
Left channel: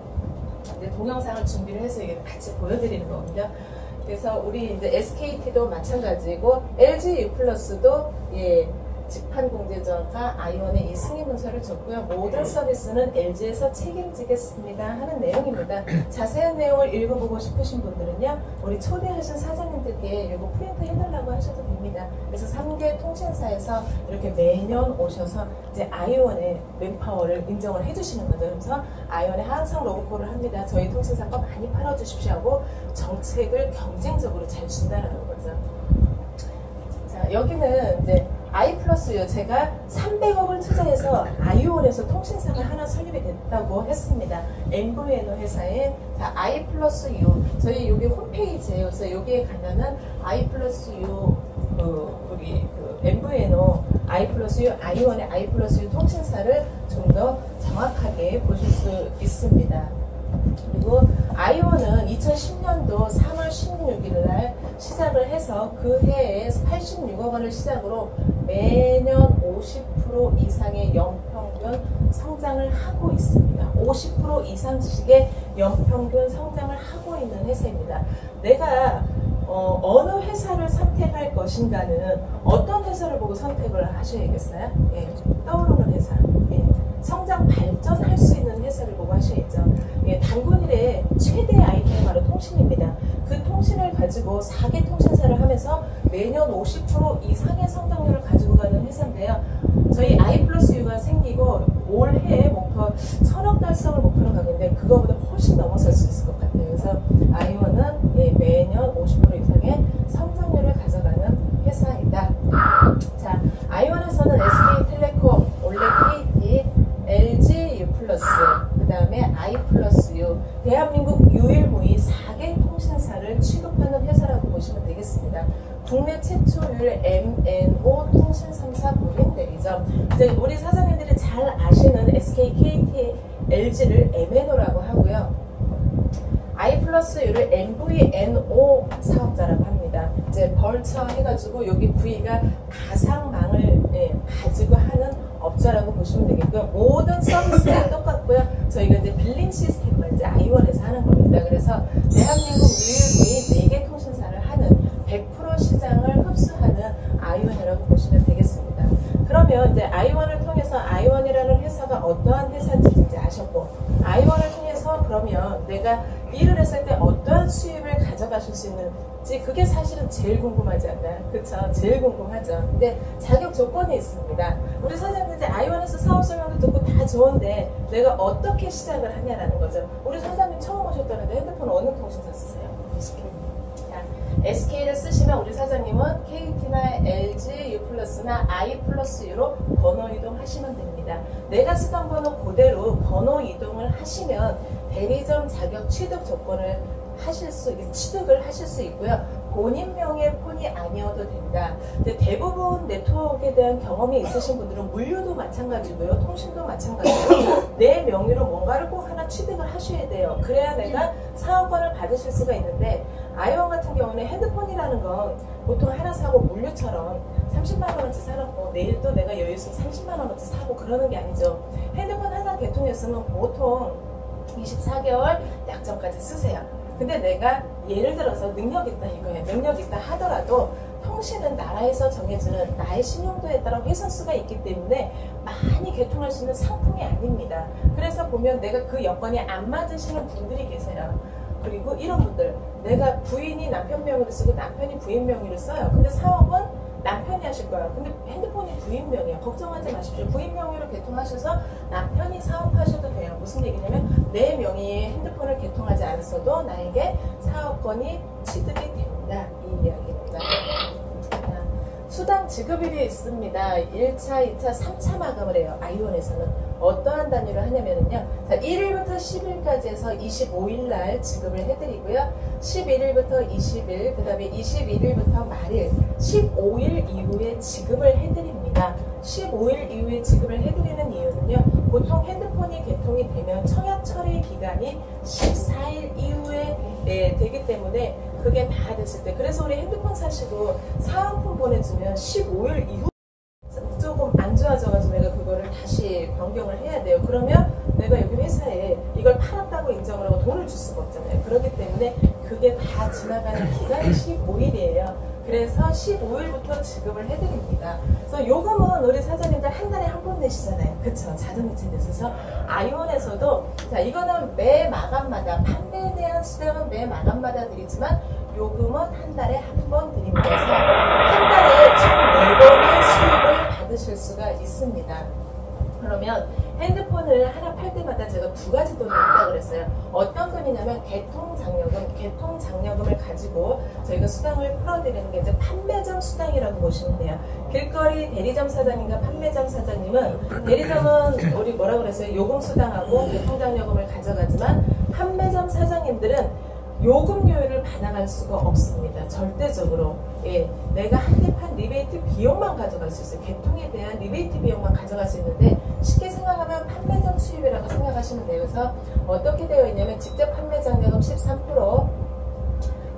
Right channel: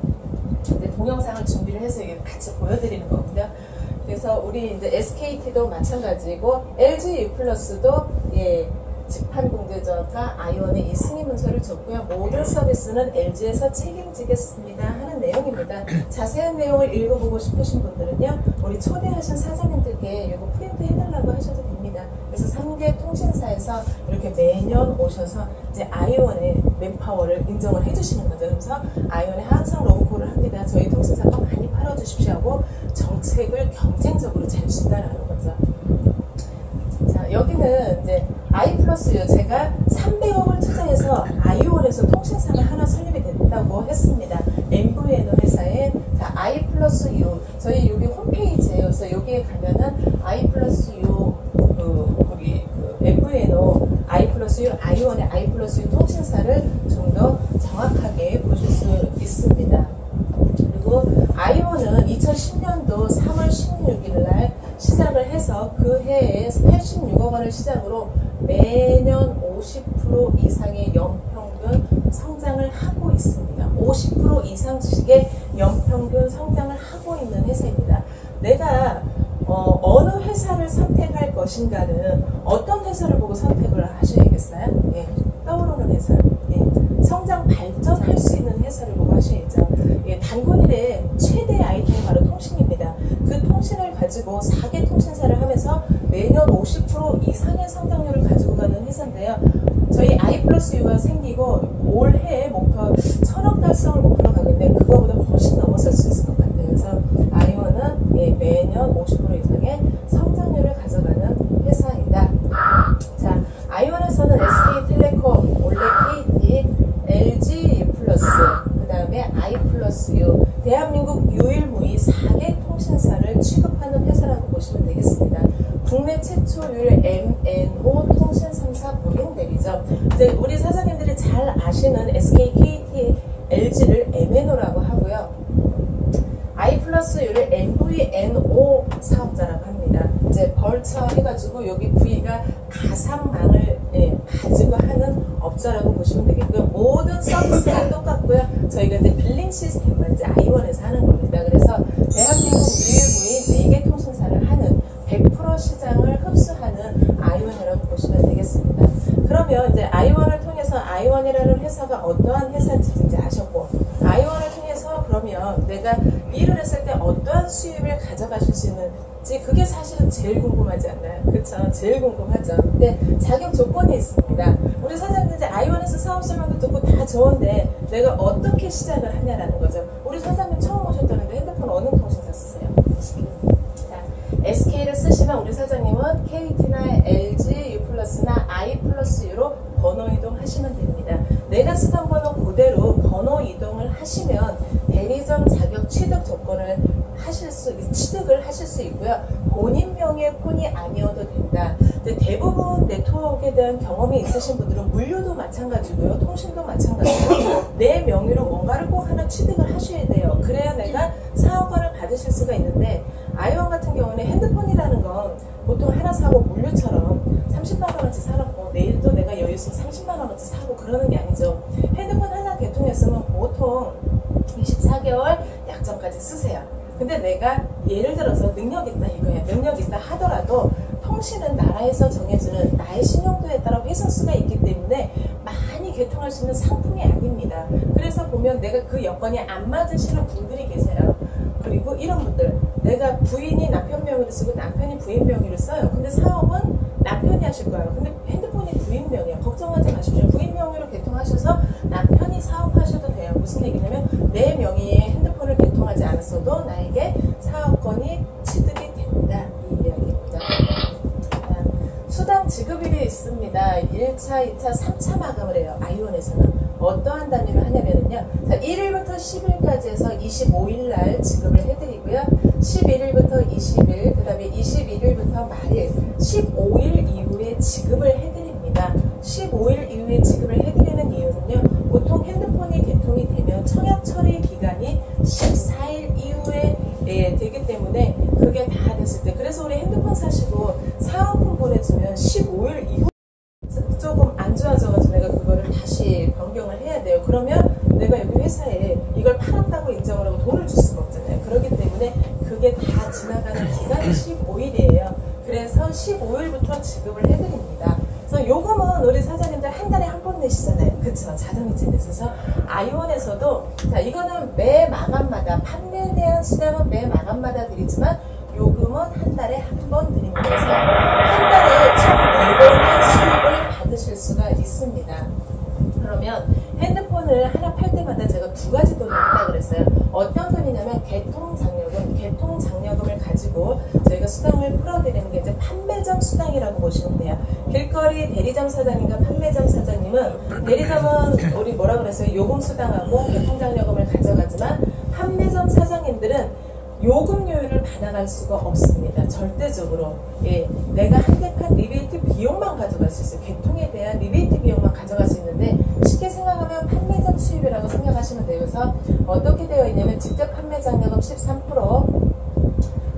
이제 동영상을 준비를 해서 이게 같이 보여드리는 거거든요. 그래서 우리 이제 SKT도 마찬가지고 LG U+도 예, 직판공제조합과 아이원의 이 승인 문서를 줬고요. 모든 서비스는 LG에서 책임지겠습니다 하는 내용입니다. 자세한 내용을 읽어보고 싶으신 분들은요. 우리 초대하신 사장님들께 이거 프린트 해달라고 하셔도 됩니다. 그래서 3개 통신사에서 이렇게 매년 오셔서 이제 아이원의 맨파워를 인정을 해주시는 거죠. 그래서 아이원에 항상 로고콜을 합니다. 저희 통신사 거 많이 팔아주십시오 하고 정책을 경쟁적으로 잘 준다라는 거죠. 자, 여기는 이제 I 플러스 U 제가 300억을 투자해서 아이원에서 통신사가 하나 설립이 됐다고 했습니다. MVNO 회사에 자, I 플러스 U 저희 여기 홈페이지에요. 그래서 여기에 가면은 I 플러스 U 우리 MVNO I 플러스 U 아이원의 I 플러스 U 통신사를 좀 더 정확하게 보실 수 있습니다. 그리고 아이원은 2010년도 3월 16일 날 시작을 해서 그 해에 86억 원을 시작으로 매년 50% 이상의 연평균 성장을 하고 있습니다. 50% 이상씩의 연평균 성장을 하고 있는 회사입니다. 내가 어느 회사를 선택할 것인가는 어떤 회사를 보고 선택을 하셔야겠어요? 네, 떠오르는 회사. 네, 성장 발전할 수 있는 회사를 보고 하셔야죠. 예, 단군일의 최대 아이템이 바로 통신입니다. 그 통신을 가지고 4개 통신사를 하면서 매년 50% 이상의 성장률을 가지고 가는 회사인데요. 저희 I 플러스 U가 생기고 올해 목표 1000억 달성을 목표로 가고 있는데 그거보다 훨씬 넘어설 수 있을 것 같아요. 그래서 아이원은 예, 매년 50% 이상의 성장률을 가져가는 회사이다. 자, 아이원에서는 SK텔레콤, 원래 KT, LG U+, 그 다음에 I 플러스 U, 대한민국 유일무이 4개 통신사를 취급하는 회사라고 보시면 되겠습니다. 국내 최초율 MNO 통신 3사 고객 대리점. 이제 우리 사장님들이 잘 아시는 SK, KT, LG를 MNO라고 하고요. I 플러스 U를 MVNO 사업자라고 합니다. 이제 벌처 해가지고 여기 V가 가상망을 가지고 하는 업자라고 보시면 되겠고요. 모든 서비스가 똑같고요. 저희가 이제 빌링 시스템만 이제 아이원에서 하는 겁니다. 그래서 대한민국 유일무이 4개 통신사를 하는 100% 시장을 흡수하는 아이원이라고 보시면 되겠습니다. 그러면 이제 아이원을 통해서 아이원이라는 회사가 어떠한 회사인지 이제 아셨고, 아이원을 통해서 그러면 내가 일을 했을 때 어떠한 수입을 가져가실 수 있는지 그게 사실은 제일 궁금하지 않나요? 그렇죠? 제일 궁금하죠. 근데 자격 조건이 있습니다. 우리 사장님 이제 아이원에서 사업 설명도 듣고 다 좋은데 내가 어떻게 시작을 하냐라는 거죠. 우리 사장님 처음 오셨다는데 핸드폰 어느 통신사 쓰세요? SK를 쓰시면 우리 사장님은 KT나 LG, U+나 I 플러스 U로 번호 이동하시면 됩니다. 내가 쓰던 번호 그대로 번호 이동을 하시면 대리점 자격 취득 조건을 취득을 하실 수 있고요. 본인 명의 폰이 아니어도 된다. 근데 대부분 네트워크에 대한 경험이 있으신 분들은 물류도 마찬가지고요. 통신도 마찬가지고 내 명의로 뭔가를 꼭 하나 취득을 하셔야 돼요. 그래야 내가 사업권을 받으실 수가 있는데 아이원 같은 경우는 핸드폰이라는 건 보통 하나 사고 물류처럼 30만 원어치 사놓고 내일도 내가 여유 있으면 30만 원어치 사고 그러는 게 아니죠. 핸드폰 하나 개통했으면 보통 24개월 약정까지 쓰세요. 근데 내가 예를 들어서 능력 있다 이거예요. 능력 있다 하더라도 통신은 나라에서 정해주는 나의 신용도에 따라 회선수가 있기 때문에 많이 개통할 수 있는 상품이 아닙니다. 그래서 보면 내가 그 여건이 안 맞으시는 분들이 계세요. 그리고 이런 분들, 내가 부인이 남편 명의로 쓰고 남편이 부인 명의로 써요. 근데 사업은 남편이 하실 거예요. 근데 핸드폰이 부인 명의야. 걱정하지 마십시오. 부인 명의로 개통하셔서 남편이 사업하셔도 돼요. 무슨 얘기냐면 내 명의의 핸드폰을 개통하지 않았어도 나에게 사업권이 취득이 된다. 이 이야기입니다. 수당 지급일이 있습니다. 1차, 2차, 3차 마감을 해요. 아이원에서는. 어떠한 단위로 하냐면요. 1일부터 10일까지 해서 25일 날 지급을 해드리고요. 11일부터 20일, 그 다음에 21일부터 말일, 15일 이후에 지급을 해드립니다. 15일 이후에 지급을 해드리는 이유는요. 보통 핸드폰이 개통이 되면 청약 처리 기간이 14일 이후에 되기 때문에 그게 다 됐을 때, 그래서 우리 핸드폰 사시고 사은품 보내주면 15일 이후 조금 안 좋아져가지고 내가 그거를 다시 변경을 해야 돼요. 그러면 내가 여기 회사에 이걸 팔았다고 인정을 하고 돈을 줄 수가 없잖아요. 그렇기 때문에 그게 다 지나가는 기간이 15일이에요. 그래서 15일부터 지급을 해드립니다. 그래서 요금은 우리 사장님들 한 달에 한 번 내시잖아요. 그쵸? 자동이체에 있어서 아이원에서도 자 이거는 매 마감마다 판매에 대한 수당은 매 마감마다 드리지만 요금은 한 달에 한 번 드립니다. 그래서 한 달에 총 4번의 수입을 받으실 수가 있습니다. 그러면 핸드폰을 하나 팔 때마다 제가 2가지 돈을 한다고 그랬어요. 어떤 돈이냐면 개통장려금, 개통 장려금을 가지고 저희가 수당을 풀어드리는 게 이제 판매점 수당이라고 보시면 돼요. 길거리 대리점 사장님과 판매점 사장님은, 대리점은 우리 뭐라 그랬어요? 요금 수당하고 개통 장려금을 가져가지만 판매점 사장님들은 요금료율을 반환할 수가 없습니다. 절대적으로. 예, 내가 한 개판 리베이트 비용만 가져갈 수 있어요. 개통에 대한 리베이트 비용만 가져갈 수 있는데, 쉽게 생각하면 판매점 수입이라고 생각하시면 돼요. 그래서 어떻게 되어 있냐면 직접 판매 장려금 13%,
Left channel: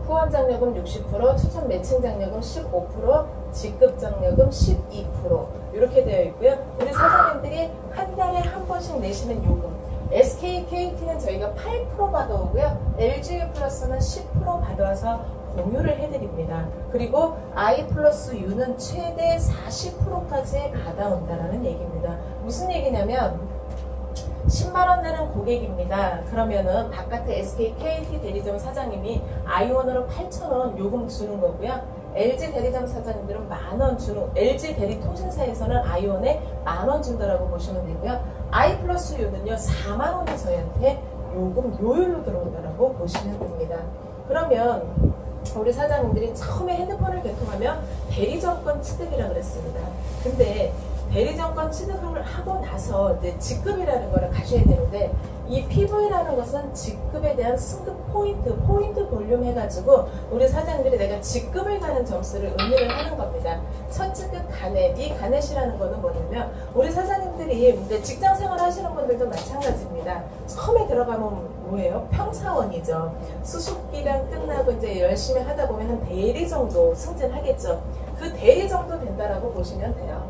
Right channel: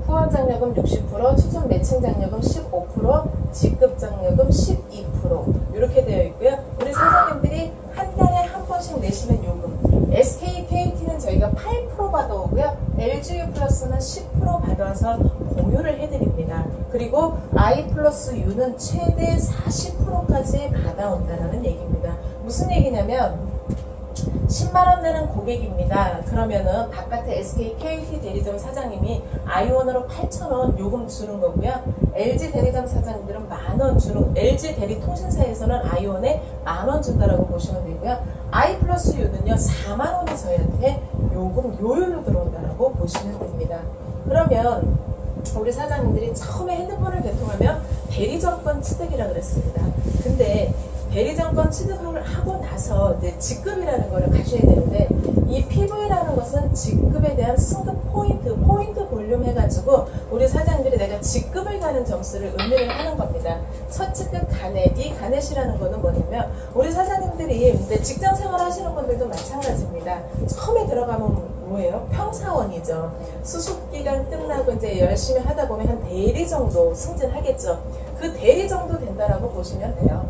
후원 장려금 60%, 추천 매칭 장려금 15%, 직급 장려금 12% 이렇게 되어 있고요. 우리 사장님들이 한 달에 한 번씩 내시는 요금, SK, KT는 저희가 8% 받아오고요. LG 플러스는 10% 받아와서 공유를 해드립니다. 그리고 I 플러스 U는 최대 40%까지 받아온다는 얘기입니다. 무슨 얘기냐면 10만원 내는 고객입니다. 그러면은 바깥에 SK, KT 대리점 사장님이 아이원으로 8,000원 요금 주는 거고요. LG 대리점 사장님들은 만원 주는, LG 대리 통신사에서는 아이원에 만원 준다라고 보시면 되고요. I 플러스 U는요 4만원이 저희한테 요금 요율로 들어온다라고 보시면 됩니다. 그러면 우리 사장님들이 처음에 핸드폰을 개통하면 대리점권 취득이라고 그랬습니다. 근데 대리점권 취득을 하고 나서 이제 직급이라는 거를 가셔야 되는데, 이 PV라는 것은 직급에 대한 승급 포인트 볼륨 해가지고 우리 사장님들이 내가 직급을 가는 점수를 의미를 하는 겁니다. 첫 직급 가넷, 이 가넷이라는 거는 뭐냐면 우리 사장님들이 이제 직장 생활 하시는 분들도 마찬가지입니다. 처음에 들어가면 뭐예요? 평사원이죠. 수습기간 끝나고 이제 열심히 하다 보면 한 대리 정도 승진하겠죠. 그 대리 정도 된다라고 보시면 돼요.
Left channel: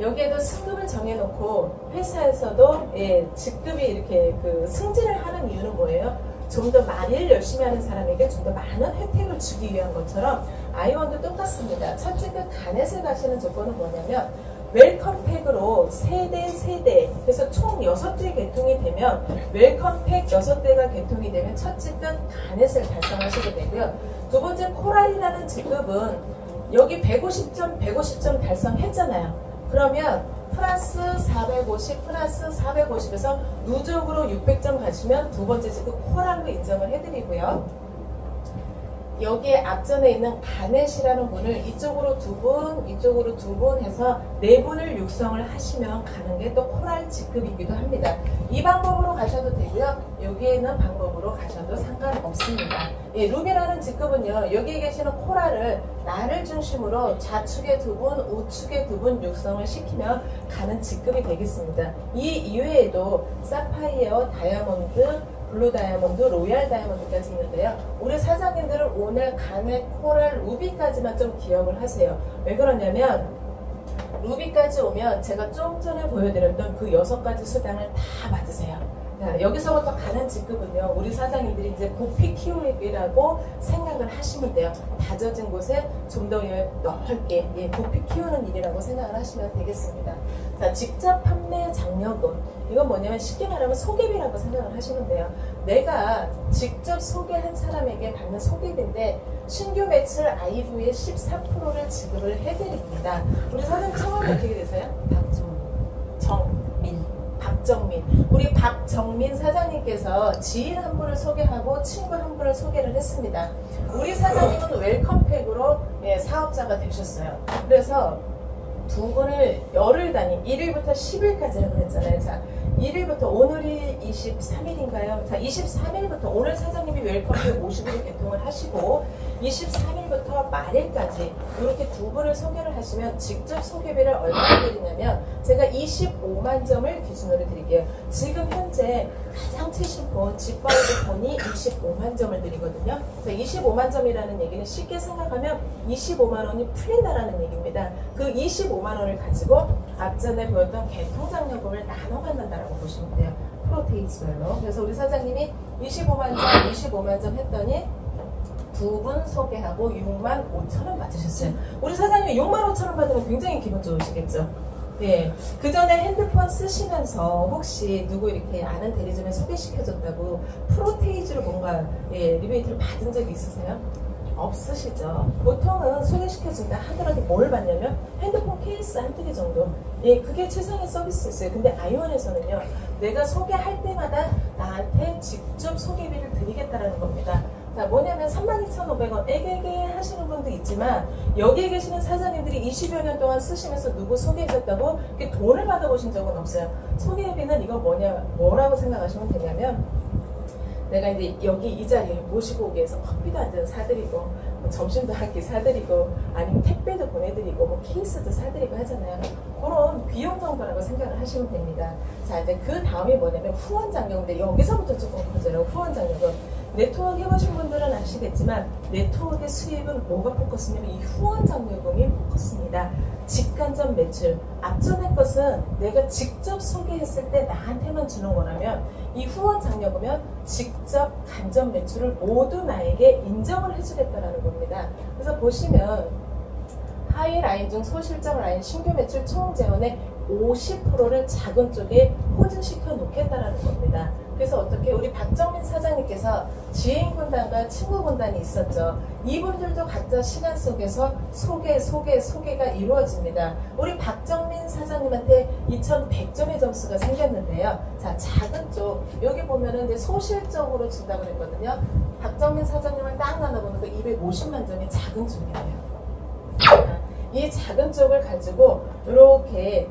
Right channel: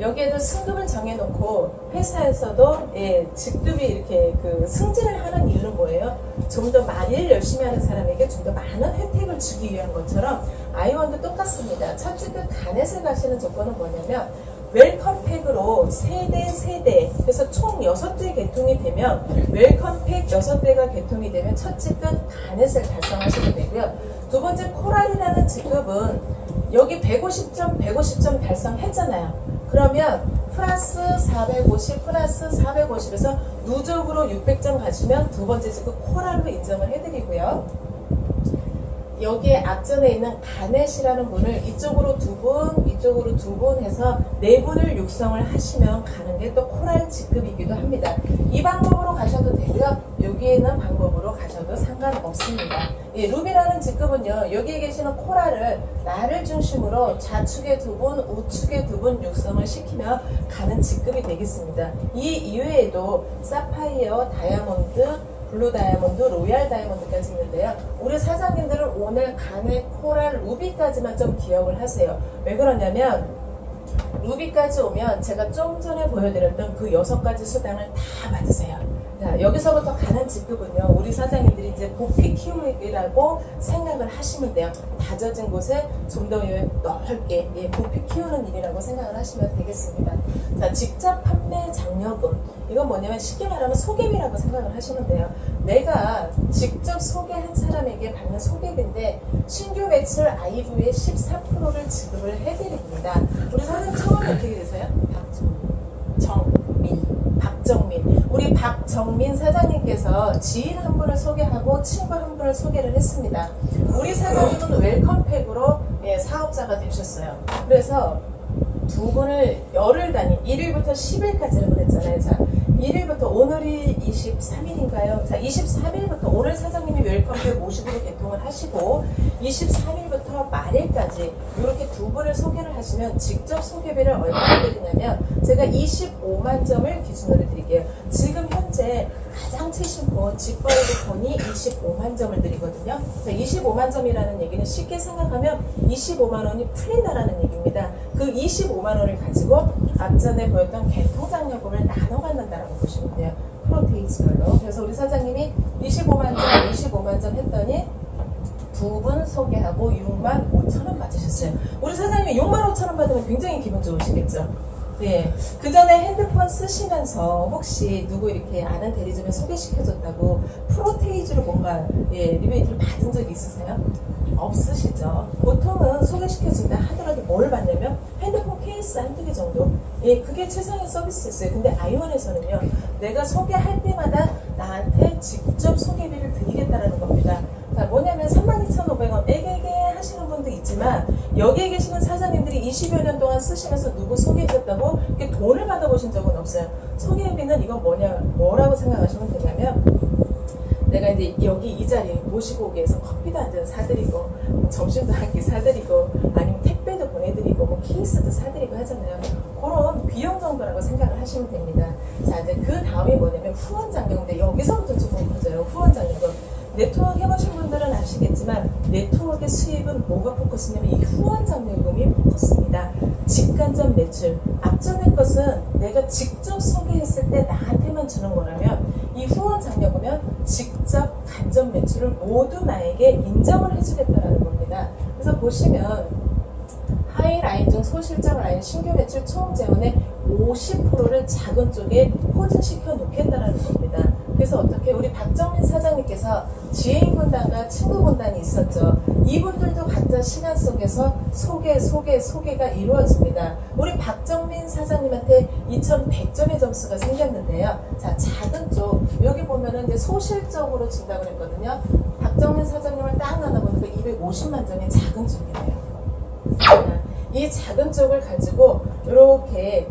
여기에도 승급을 정해놓고 회사에서도 직급이 이렇게 승진을 하는 이유는 뭐예요? 좀 더 일 열심히 하는 사람에게 좀 더 많은 혜택을 주기 위한 것처럼 아이원도 똑같습니다. 첫 직급 가넷을 가시는 조건은 뭐냐면 웰컴팩으로 세대 그래서 총 6대 개통이 되면 웰컴팩 6대가 개통이 되면 첫 직급 가넷을 달성하시게 되고요. 두 번째 코랄이라는 직급은 여기 150점 달성했잖아요. 그러면 플러스 450 플러스 450에서 누적으로 600점 가시면 두 번째 직급 코랄로 인정을 해드리고요. 여기에 앞전에 있는 가넷이라는 분을 이쪽으로 2분, 이쪽으로 2분 해서 4분을 육성을 하시면 가는 게 또 코랄 직급이기도 합니다. 이 방법으로 가셔도 되고요. 여기에 있는 방법으로 가셔도 상관없습니다. 루비라는 직급은요, 여기에 계시는 코랄을 나를 중심으로 좌측에 2분, 우측에 2분 육성을 시키면 가는 직급이 되겠습니다. 이 이외에도 사파이어, 다이아몬드, 블루 다이아몬드, 로얄 다이아몬드까지 있는데요. 우리 사장님들은 오늘 가넷, 코랄, 루비까지만 좀 기억을 하세요. 왜 그러냐면 루비까지 오면 제가 좀 전에 보여드렸던 그 6가지 수당을 다 받으세요. 자, 여기서부터 가는 직급은요, 우리 사장님들이 이제 부피 키우기라고 생각을 하시면 돼요. 다져진 곳에 좀 더 넓게 부피 키우는 일이라고 생각을 하시면 되겠습니다. 자, 직접 판매 장려금, 이건 뭐냐면 쉽게 말하면 소개비라고 생각을 하시면 돼요. 내가 직접 소개한 사람에게 받는 소개비인데 신규 매출 아이브의 14%를 지급을 해드립니다. 우리 사장님 처음 어떻게 되세요? 박정민. 우리 박정민 사장님께서 지인 한 분을 소개하고 친구 한 분을 소개를 했습니다. 우리 사장님은 웰컴팩으로 사업자가 되셨어요. 그래서 두 분을 열흘 단위, 1일부터 10일까지라고 그랬잖아요. 자, 1일부터 오늘이 23일인가요? 자, 23일부터 오늘 사장님이 웰컴팩 50으로 개통을 하시고 23일부터 말일까지 이렇게 두 분을 소개를 하시면 직접 소개비를 얼마나 드리냐면 제가 25만 점을 기준으로 드릴게요. 지금 현재 가장 최신폰 직거래도 폰이 25만 점을 드리거든요. 25만 점이라는 얘기는 쉽게 생각하면 25만 원이 풀린다라는 얘기입니다. 그 25만 원을 가지고 앞전에 보였던 개통장려금을 나눠 받는다라고 보시면 돼요. 프로테이지별로. 그래서 우리 사장님이 25만 점 했더니 두 분 소개하고 6만 5천 원 받으셨어요. 우리 사장님이 6만 5천 원 받으면 굉장히 기분 좋으시겠죠? 예. 그 전에 핸드폰 쓰시면서 혹시 누구 이렇게 아는 대리점에 소개시켜줬다고 프로테이지로 뭔가 리베이트를 받은 적이 있으세요? 없으시죠? 보통은 소개시켜준다 하더라도 뭘 받냐면 핸드폰 케이스 한두 개 정도? 예, 그게 최상의 서비스였어요. 근데 아이원에서는요, 내가 소개할 때마다 나한테 직접 소개비를 드리겠다라는 겁니다. 자, 뭐냐면 32,500원 애게게 하시는 분도 있지만 여기에 계시는 사장님들이 20여 년 동안 쓰시면서 누구 소개해줬다고 이렇게 돈을 받아보신 적은 없어요. 소개비는 이거 뭐라고 생각하시면 되냐면 내가 이제 여기 이 자리에 모시고 오기 위해서 커피도 한 잔 사드리고 뭐 점심도 한 끼 사드리고 아니면 택배도 보내드리고 뭐 케이스도 사드리고 하잖아요. 그런 비용 정도라고 생각을 하시면 됩니다. 자, 이제 그 다음이 뭐냐면 후원 장려인데 여기서부터 조금 커져요. 후원 장려금. 네트워크 해보신 분들은 아시겠지만 네트워크의 수입은 뭐가 포커스냐면 이 후원 장려금이 포커스입니다. 직간접 매출. 앞전의 것은 내가 직접 소개했을 때 나한테만 주는 거라면 이 후원 장려금은 직접 간접 매출을 모두 나에게 인정을 해주겠다는 겁니다. 그래서 보시면 하위 라인 중 소실적 라인 신규 매출 총 재원의 50%를 작은 쪽에 포진시켜 놓겠다라는 겁니다. 그래서 어떻게 우리 박정민 사장님께서 지인 군단과 친구 군단이 있었죠. 이분들도 각자 시간 속에서 소개가 이루어집니다. 우리 박정민 사장님한테 2100점의 점수가 생겼는데요. 자, 작은 쪽 여기 보면은 이제 소실적으로 준다고 그랬거든요. 박정민 사장님을 딱 나눠보는 거 250만 점의 작은 쪽이에요. 이 작은 쪽을 가지고 이렇게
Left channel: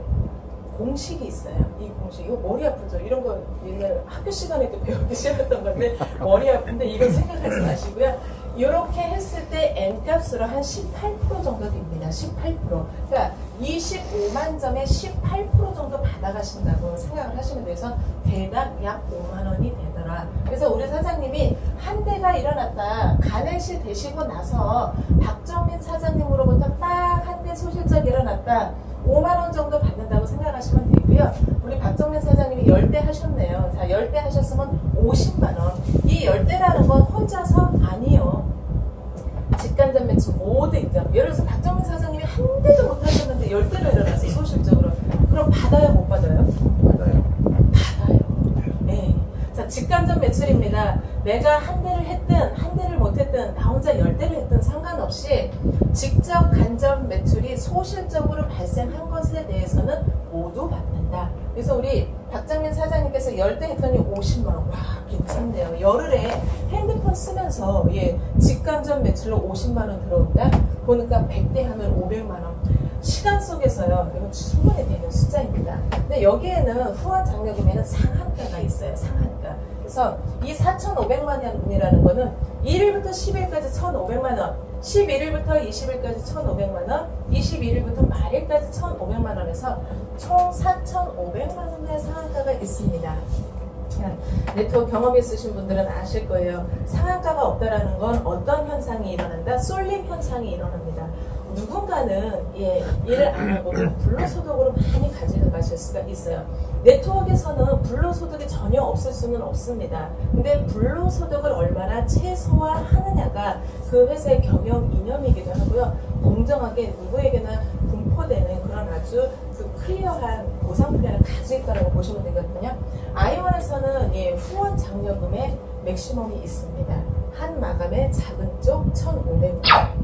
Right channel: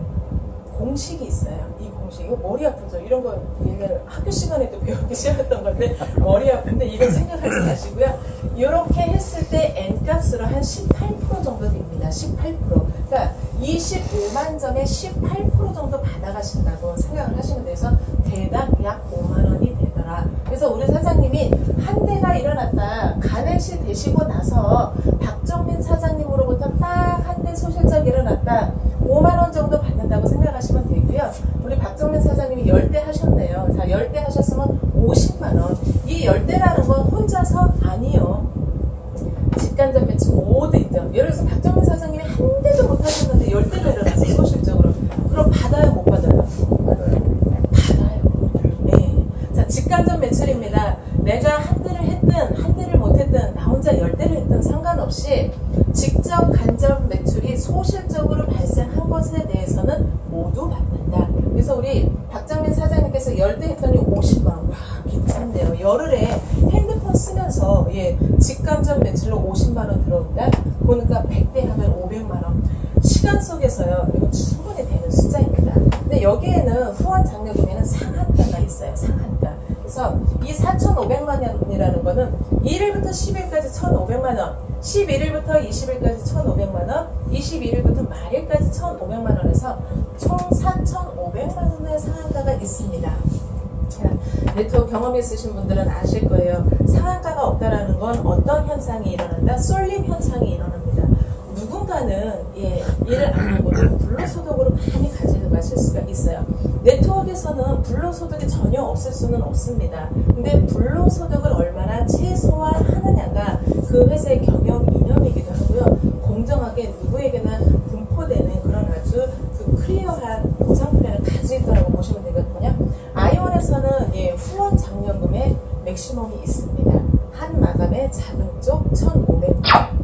공식이 있어요. 이 공식, 이거 머리 아프죠? 이런 거 학교 시간에도 배우기 시작했던 건데 머리 아픈데 이건 생각하지 마시고요. 이렇게 했을 때 N값으로 한 18% 정도 됩니다. 18%. 그러니까 25만 점에 18% 정도 받아가신다고 생각을 하시면 돼서 대당 약 5만 원이 되더라. 그래서 우리 사장님이 한 대가 일어났다. 간행시 되시고 나서 박정민 사장님으로부터 딱 한 대 소실적 일어났다. 5만 원 정도 받는다고 생각하시면 되고요. 우리 박정민 사장님이 10대 하셨네요. 자, 10대 하셨으면 50만 원. 이 10대라는 건 혼자서 아니요. 직간접 매출 모두 있죠. 예를 들어서 박정민 사장님이 한 대도 못 하셨는데 10대가 일어났어요. 소실적으로. 그럼 받아요, 못 받아요? 받아요. 네. 자, 직간접 매출입니다. 내가 한 대를 했든 한 대를 못했든 나 혼자 10대를 했든 상관없이 직접 간접 매출이 소실적으로 발생한 것에 대해서는 모두 받는다. 그래서 우리 박정민 사장님께서 10대 했더니 50만 원. 와, 괜찮네요. 열흘에 핸드폰 쓰면서 직간접 매출로 50만 원 들어온다. 보니까 100대 하면 500만 원. 시간 속에서요. 이거 충분히 되는 숫자입니다. 근데 여기에는 후원 장려금에는 상한가가 있어요. 상한가. 그래서 이 4,500만 원이라는 거는 1일부터 10일까지 1,500만 원, 11일부터 20일까지 1,500만 원, 21일부터 말일까지 1,500만 원에서 총 4,500만 원의 상한가가 있습니다. 네트워크 경험 있으신 분들은 아실 거예요. 상한가가 없다라는 건 어떤 현상이 일어난다? 쏠림 현상이 일어납니다. 누군가는 일을 안 하고 불로소득으로 많이 가지고 가실 수가 있어요. 네트워크에서는 불로소득이 전혀 없을 수는 없습니다. 근데 불로소득을 얼마나 최소화하느냐가 그 회사의 경영 이념이기도 하고요. 공정하게 누구에게나 분포되는 그런 아주 클리어한 보상 플랜을 가지고 있다고 보시면 되거든요. 아이원에서는 후원 장려금의 맥시멈이 있습니다. 한 마감의 작은 쪽 1,500원.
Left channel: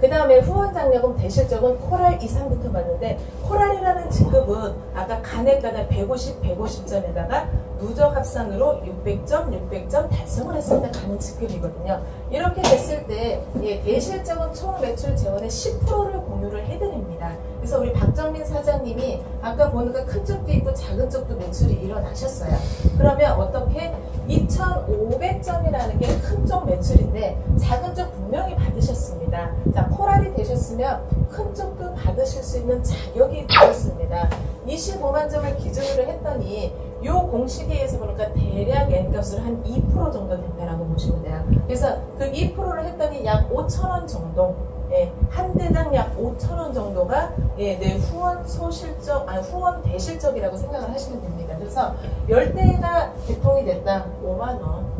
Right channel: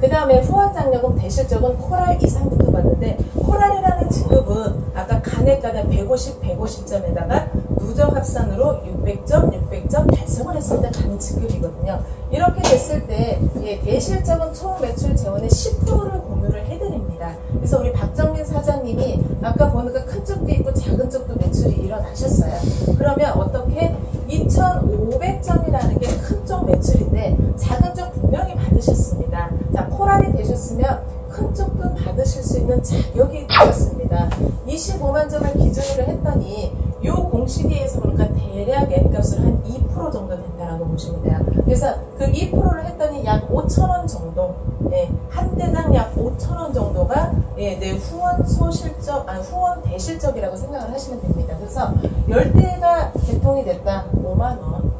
그 다음에 후원 장려금 대실적은 코랄 이상부터 받는데 코랄이라는 직급은 아까 간액가당 150, 150점에다가 누적 합산으로 600점 달성을 했을 때 가는 직급이거든요. 이렇게 됐을 때 대실적은 총 매출 재원의 10%를 공유를 해드립니다. 그래서 우리 박정민 사장님이 아까 보니까 큰 쪽도 있고 작은 쪽도 매출이 일어나셨어요. 그러면 어떻게 2,500점이라는 게 큰 쪽 매출인데 작은 쪽 분명히 받으셨습니다. 자, 코랄이 되셨으면 큰 쪽도 받으실 수 있는 자격이 되셨습니다. 25만 점을 기준으로 했더니 이 공식에 의해서 보니까 대략 N값을 한 2% 정도 된다라고 보시면 돼요. 그래서 그 2%를 했더니 약 5,000원 정도, 한 대당 약 5,000원 정도가 내 후원 소실적, 후원 대실적이라고 생각을 하시면 됩니다. 그래서 10대가 개통이 됐다, 5만원.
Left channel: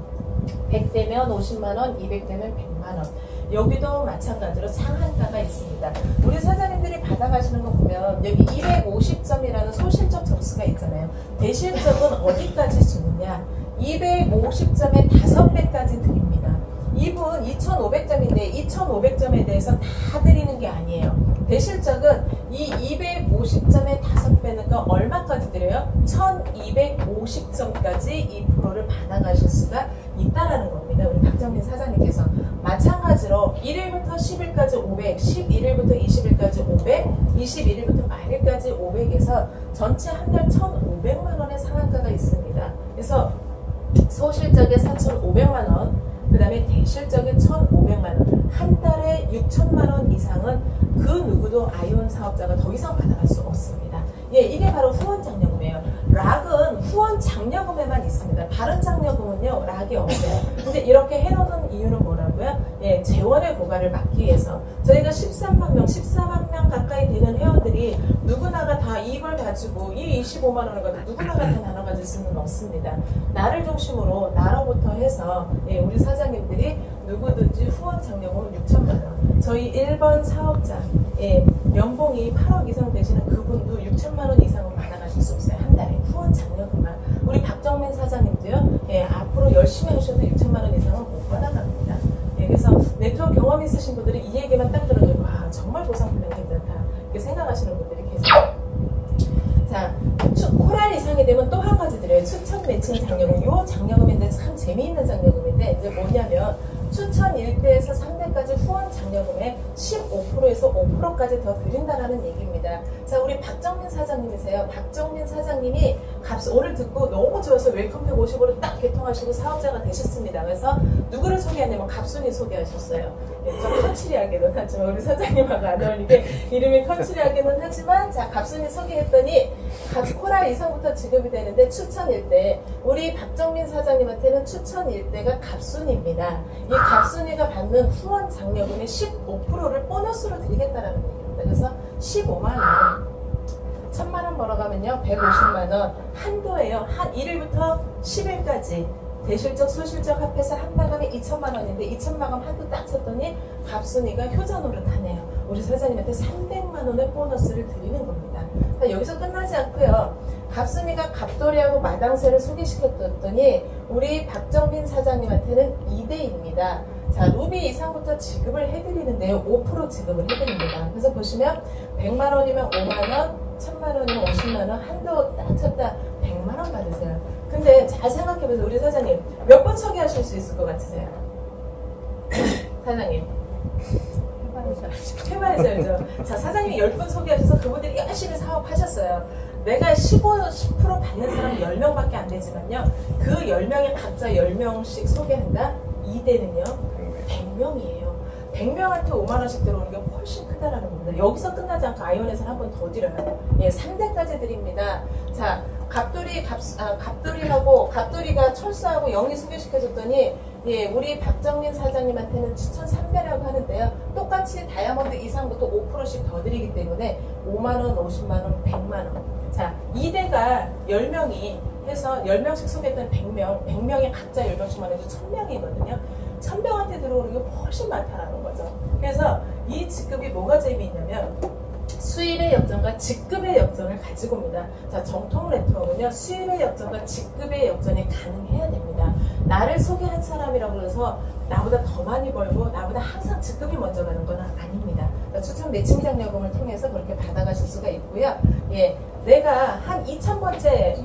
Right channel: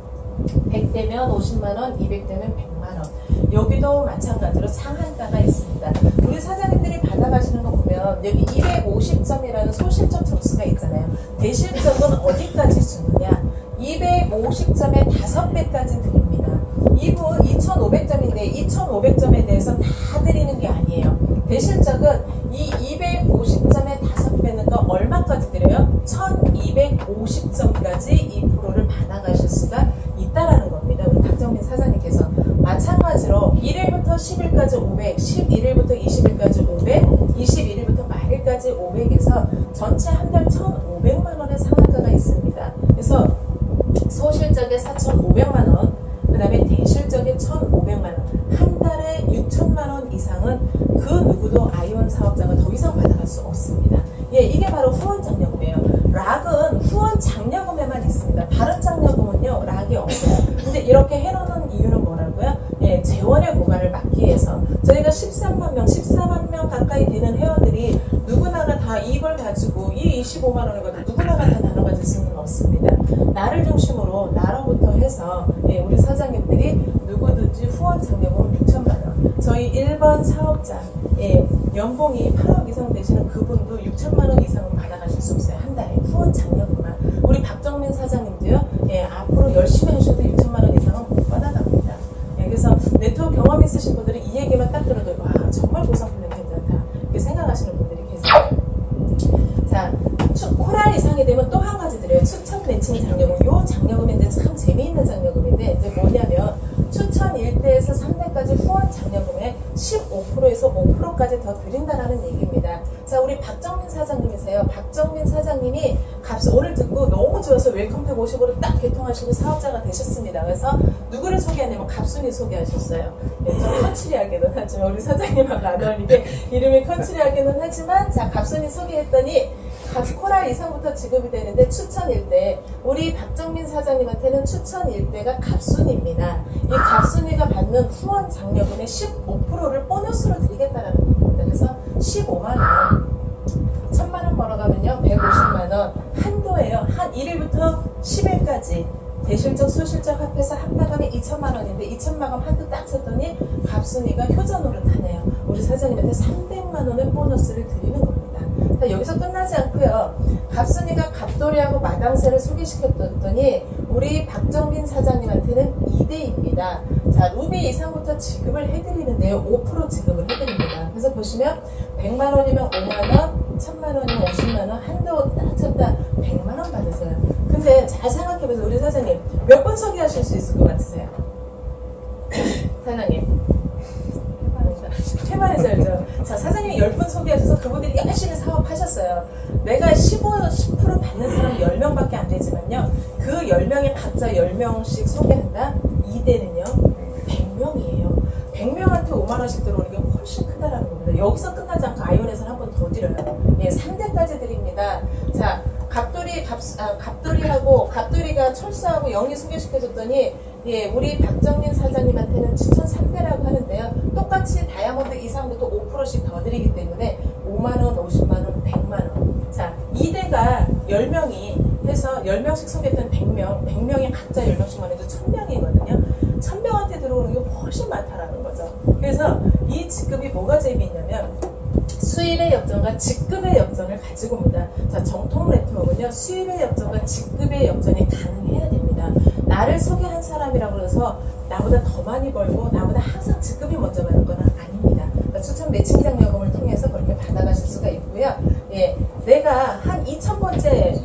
100대면 50만원, 200대면 100만원. 여기도 마찬가지로 상한가가 있습니다. 우리 사장님들이 받아가시는 거 보면 여기 250점이라는 소실적 점수가 있잖아요. 대실적은 어디까지 주느냐? 250점에 5배까지 드립니다. 이분 2,500점인데 2,500점에 대해서 다 드리는 게 아니에요. 대실적은 이 250점에 5배니까 얼마까지 드려요? 1,250점까지 2%를 받아가실 수가 있다라는 겁니다. 우리 박정민 사장님께서. 마찬가지로 1일부터 10일까지 500, 11일부터 20일까지 500, 21일부터 말일까지 500에서 전체 한 달 1,500만 원의 상한가가 있습니다. 그래서 소실적에 4,500만 원, 그 다음에 대실적에 1,500만 원, 한 달에 6천만 원 이상은 그 누구도 아이원 사업자가 더 이상 받아갈 수 없습니다. 예, 이게 바로 후원 장려금이에요. 락은 후원 장려금에만 있습니다. 다른 장려금은요, 락이 없어요. 근데 이렇게 해놓는 이유는 뭐라고요? 예, 재원의 고갈을 막기 위해서. 저희가 13만 명, 14만 명 가까이 되는 회원들이 누구나가 다 이걸 가지고 이 25만 원을 가지고 누구나가 다 나눠 가질 수는 없습니다. 나를 중심으로 나로부터 해서 예, 우리 사장님들이 누구든지 후원 장려금 6천만 원. 저희 1번 사업자 예, 연봉이 8억 이상 되시는 그분도 6천만 원 이상은 받아가실 수 없어요. 한 달에 후원 장려금만. 우리 박정민 사장님도요. 예, 앞으로 열심히 하셔도 6천만 원 이상은 못 받아갑니다. 예, 그래서 네트워크 경험 있으신 분들이 이 얘기만 딱 들어도 와 정말 보상품이 괜찮다 이렇게 생각하시는 분들이 계세요. 자, 코랄 이상이 되면 또 한 가지 드려요. 추천 매칭 장려금. 요 장려금이 이제 참 재미있는 장려금인데 이제 뭐냐면 추천 1대에서 3대까지 후원 장려금의 15%에서 5%까지 더 드린다라는 얘기입니다. 자, 우리 박정민 사장님이세요. 박정민 사장님이 오늘 듣고 너무 좋아서 웰컴백 50으로 딱 개통하시고 사업자가 되셨습니다. 그래서 누구를 소개하냐면 갑순이 소개하셨어요. 네, 좀 컨츄리하게는 하지만 우리 사장님하고 안 어울리게 이름이 컨츄리하게는 하지만 자, 갑순이 소개했더니 코랄 이상부터 지급이 되는데 추천 1대 우리 박정민 사장님한테는 추천 1대가 갑순입니다. 이 갑순이가 받는 후원 장려금의 15%를 보너스로 드리겠다라는 얘기입니다. 그래서 15만 원 1,000만 원 벌어가면요 150만 원 한도예요. 한 1일부터 10일까지 대실적 소실적 합해서 한 마감이 2천만 원인데 2천만 원 한도 딱 쳤더니 갑순이가 효자노릇 하네요. 우리 사장님한테 300만 원의 보너스를 드리는 겁니다. 자, 여기서 끝나지 않고요. 갑순이가 갑돌이하고 마당새를 소개시켰더니 우리 박정민 사장님한테는 2대입니다. 자, 루비 이상부터 지급을 해드리는데요. 5% 지급을 해드립니다. 그래서 보시면 100만 원이면 5만 원, 1000만 원이면 50만 원, 한도 딱 쳤다 100만 원 받으세요. 근데 잘 생각해보세요. 우리 사장님 몇 번 소개하실 수 있을 것 같으세요? 사장님 해봐야죠. 자, 사장님이 10분 소개하셔서 그분들이 열심히 사업하셨어요. 내가 10% 받는 사람이 10명밖에 안 되지만요. 그 10명에 각자 10명씩 소개한다? 2대는요 100명이에요. 100명한테 5만원씩 들어오는 게 훨씬 크다라는 겁니다. 여기서 끝나지 않고 아이온에서는 한 번 더 드려요. 예, 3대까지 드립니다. 자, 갑돌이가 철수하고 영리 소개시켜줬더니 예, 우리 박정민 사장님한테는 7,300라고 하는데요. 똑같이 다이아몬드 이상부터 5%씩 더 드리기 때문에 5만원, 50만원, 100만원. 자, 2대가 10명이 해서 10명씩 소개했던 100명, 100명이 각자 10명씩만 해도 1000명이거든요. 1000명한테 들어오는 게 훨씬 많다라는 거죠. 그래서 이 직급이 뭐가 재미있냐면 수입의 역전과 직급의 역전을 가지고 옵니다. 자, 정통 네트워크는요, 수입의 역전과 직급의 역전이 가능해야 됩니다. 나를 소개한 사람이라고 해서 나보다 더 많이 벌고 나보다 항상 직급이 먼저 가는 건 아닙니다. 그러니까 추천 매칭 장려금을 통해서 그렇게 받아가실 수가 있고요. 예, 내가 한 2000번째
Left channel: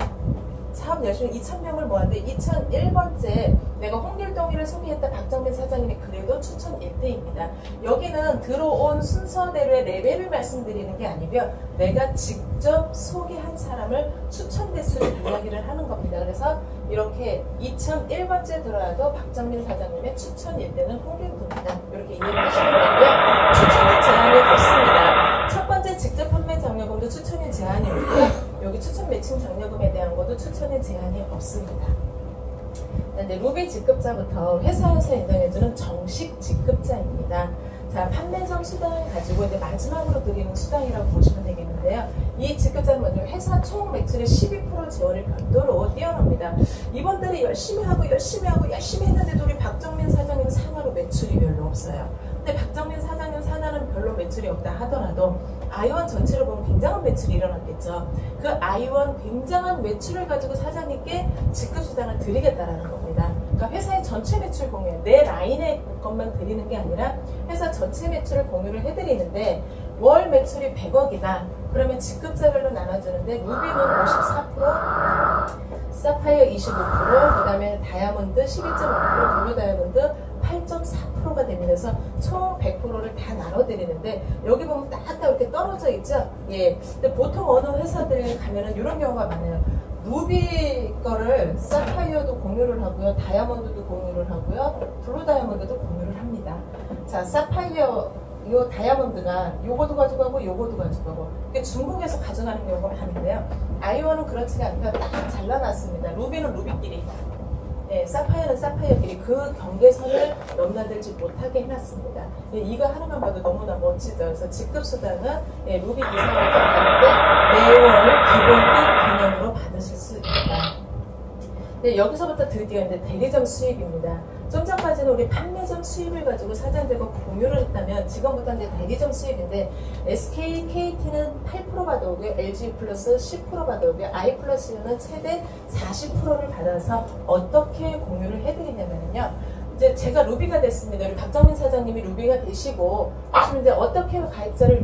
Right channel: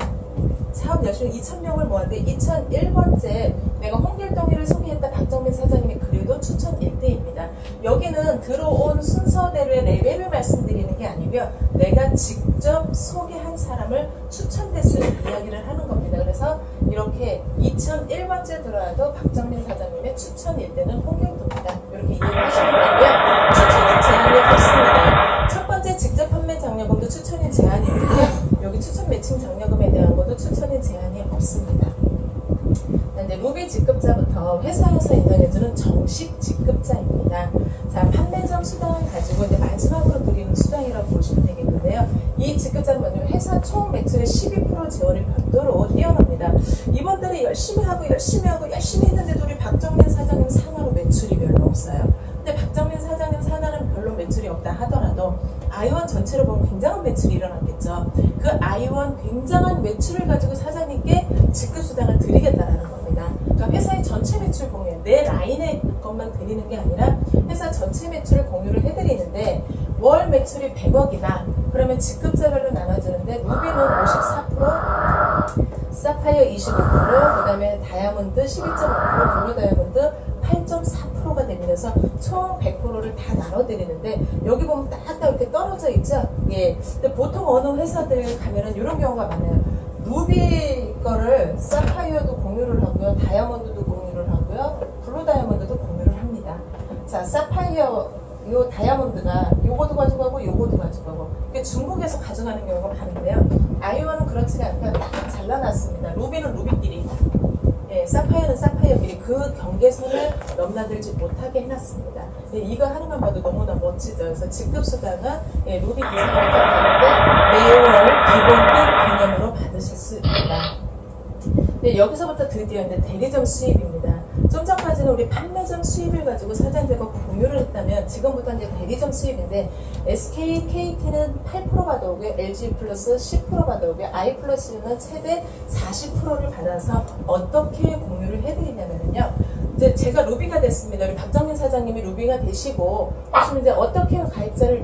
사업 열심히 2,000명을 모았는데 2001번째 내가 홍길동이를 소개했다 박정민 사장님이 그래도 추천 1대입니다. 여기는 들어온 순서대로의 레벨을 말씀드리는 게 아니고요. 내가 직접 소개한 사람을 추천대수를 이야기를 하는 겁니다. 그래서 이렇게 2001번째 들어와도 박정민 사장님의 추천 1대는 홍길동이다. 이렇게 이해를 하시면 되고요. 추천은 제한이 없습니다. 첫 번째 직접 판매 장려금도 추천이 제한이 있고요. 여기 추천 매칭 장려금에 대한 것도 추천의 제한이 없습니다. 이제 루비 직급자부터 회사에서 인정해주는 정식 직급자입니다. 자, 판매점 수당을 가지고 이제 마지막으로 드리는 수당이라고 보시면 되겠는데요. 이 직급자는 뭐냐면 회사 총 매출의 12% 재원을 별도로 띄어납니다. 이분들이 열심히 했는데도 우리 박정민 사장님 산하로 매출이 별로 없어요. 근데 박정민 사장님 산하는 별로 매출이 없다 하더라도 아이원 전체를 보면 굉장한 매출이 일어났겠죠. 그 아이원 굉장한 매출을 가지고 사장님께 직급수당을 드리겠다라는 겁니다. 그러니까 회사의 전체 매출 공유, 내 라인의 것만 드리는 게 아니라 회사 전체 매출을 공유를 해드리는데 월 매출이 100억이다. 그러면 직급제별로 나눠주는데 루비는 54%, 사파이어 25%, 그 다음에 다이아몬드 12.5%, 블루 다이아몬드 8.4%가 되면서 총 100%를 다 나눠드리는데 여기 보면 딱딱 이렇게 떨어져 있죠? 예. 근데 보통 어느 회사들 가면은 이런 경우가 많아요. 루비 거를 사파이어도 공유를 하고요, 다이아몬드도 공유를 하고요, 블루 다이아몬드도 공유를 합니다. 자, 사파이어 요 다이아몬드가 요거도 가져가고 요거도 가져가고 이게 중국에서 가져가는 경우가 많은데요. 아이오는 그렇지 않다. 딱 잘라놨습니다. 루비는 루비끼리, 예, 사파이어는 사파이어끼리 그 경계선을 넘나들지 못하게 해놨습니다. 예, 이거 하나만 봐도 너무나 멋지죠. 그래서 직급수당은 예, 루비 이상을 받는데 매월 기본급 개념으로 받으실 수 있다. 네, 여기서부터 드디어 이제 대리점 수입입니다. 좀 전까지는 우리 판매점 수입을 가지고 사장들과 공유를 했다면 지금부터 이제 대리점 수입인데 SK, KT는 8% 받아오고요, LG 플러스 10% 받아오고요, I 플러스는 최대 40%를 받아서 어떻게 공유를 해드리냐면요. 이제 제가 루비가 됐습니다. 우리 박정민 사장님이 루비가 되시고 하시면 이제 어떻게 가입자를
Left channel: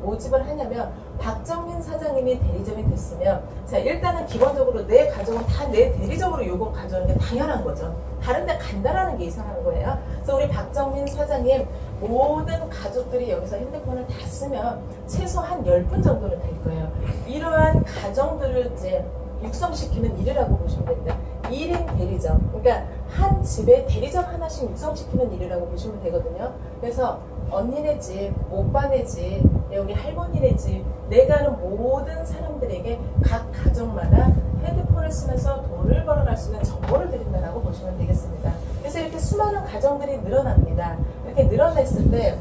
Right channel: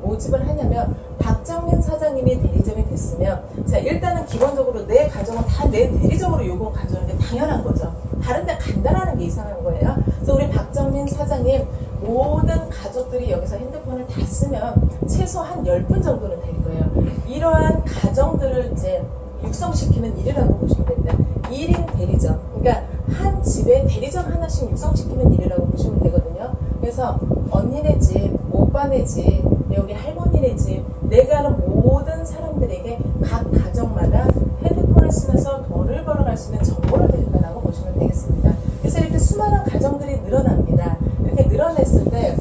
모집을 하냐면 박정민 사장님이 대리점이 됐으면 자 일단은 기본적으로 내 가정은 다 내 대리점으로 요금 가져오는 게 당연한 거죠. 다른 데 간다라는 게 이상한 거예요. 그래서 우리 박정민 사장님 모든 가족들이 여기서 핸드폰을 다 쓰면 최소 한 10분 정도는 될 거예요. 이러한 가정들을 이제 육성시키는 일이라고 보시면 됩니다. 1인 대리점. 그러니까 한 집에 대리점 하나씩 육성시키는 일이라고 보시면 되거든요. 그래서 언니네 집, 오빠네 집, 여기 할머니네 집, 내가 아는 모든 사람들에게 각 가정마다 핸드폰을 쓰면서 돈을 벌어갈 수 있는 정보를 드린다라고 보시면 되겠습니다. 그래서 이렇게 수많은 가정들이 늘어납니다. 이렇게 늘어났을 때,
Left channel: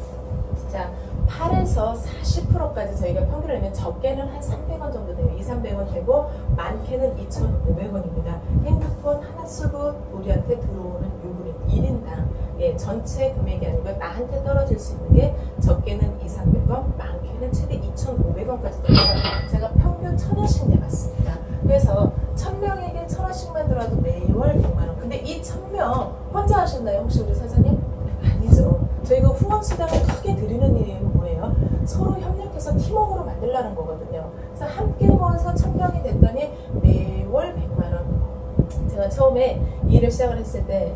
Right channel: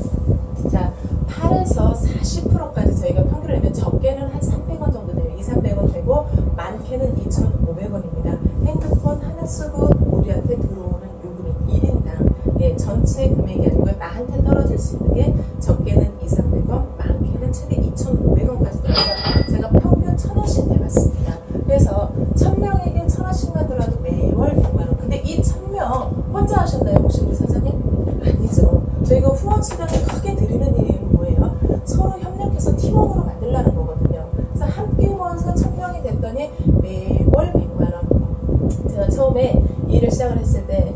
자, 8에서 40%까지 저희가 평균을 내면 적게는 한 300원 정도 돼요. 200~300원 되고 많게는 2,500원입니다. 핸드폰 하나 쓰고 우리한테 들어오는 요금이 1인당 예, 전체 금액이 아니고 나한테 떨어질 수 있는 게 적게는 200~300원, 많게는 최대 2,500원까지 들어서 제가 평균 1,000원씩 내봤습니다. 그래서 1,000명에게 1,000원씩만 들어와도 매월 100만원. 근데 이 1,000명 혼자 하셨나요? 혹시 우리 사장님? 아니죠. 저희가 후원 수당을 크게 드리는 이유는 뭐예요? 서로 협력해서 팀워크로 만들라는 거거든요. 그래서 함께 모아서 1,000명이 됐더니 매월 100만원. 제가 처음에 일을 시작을 했을 때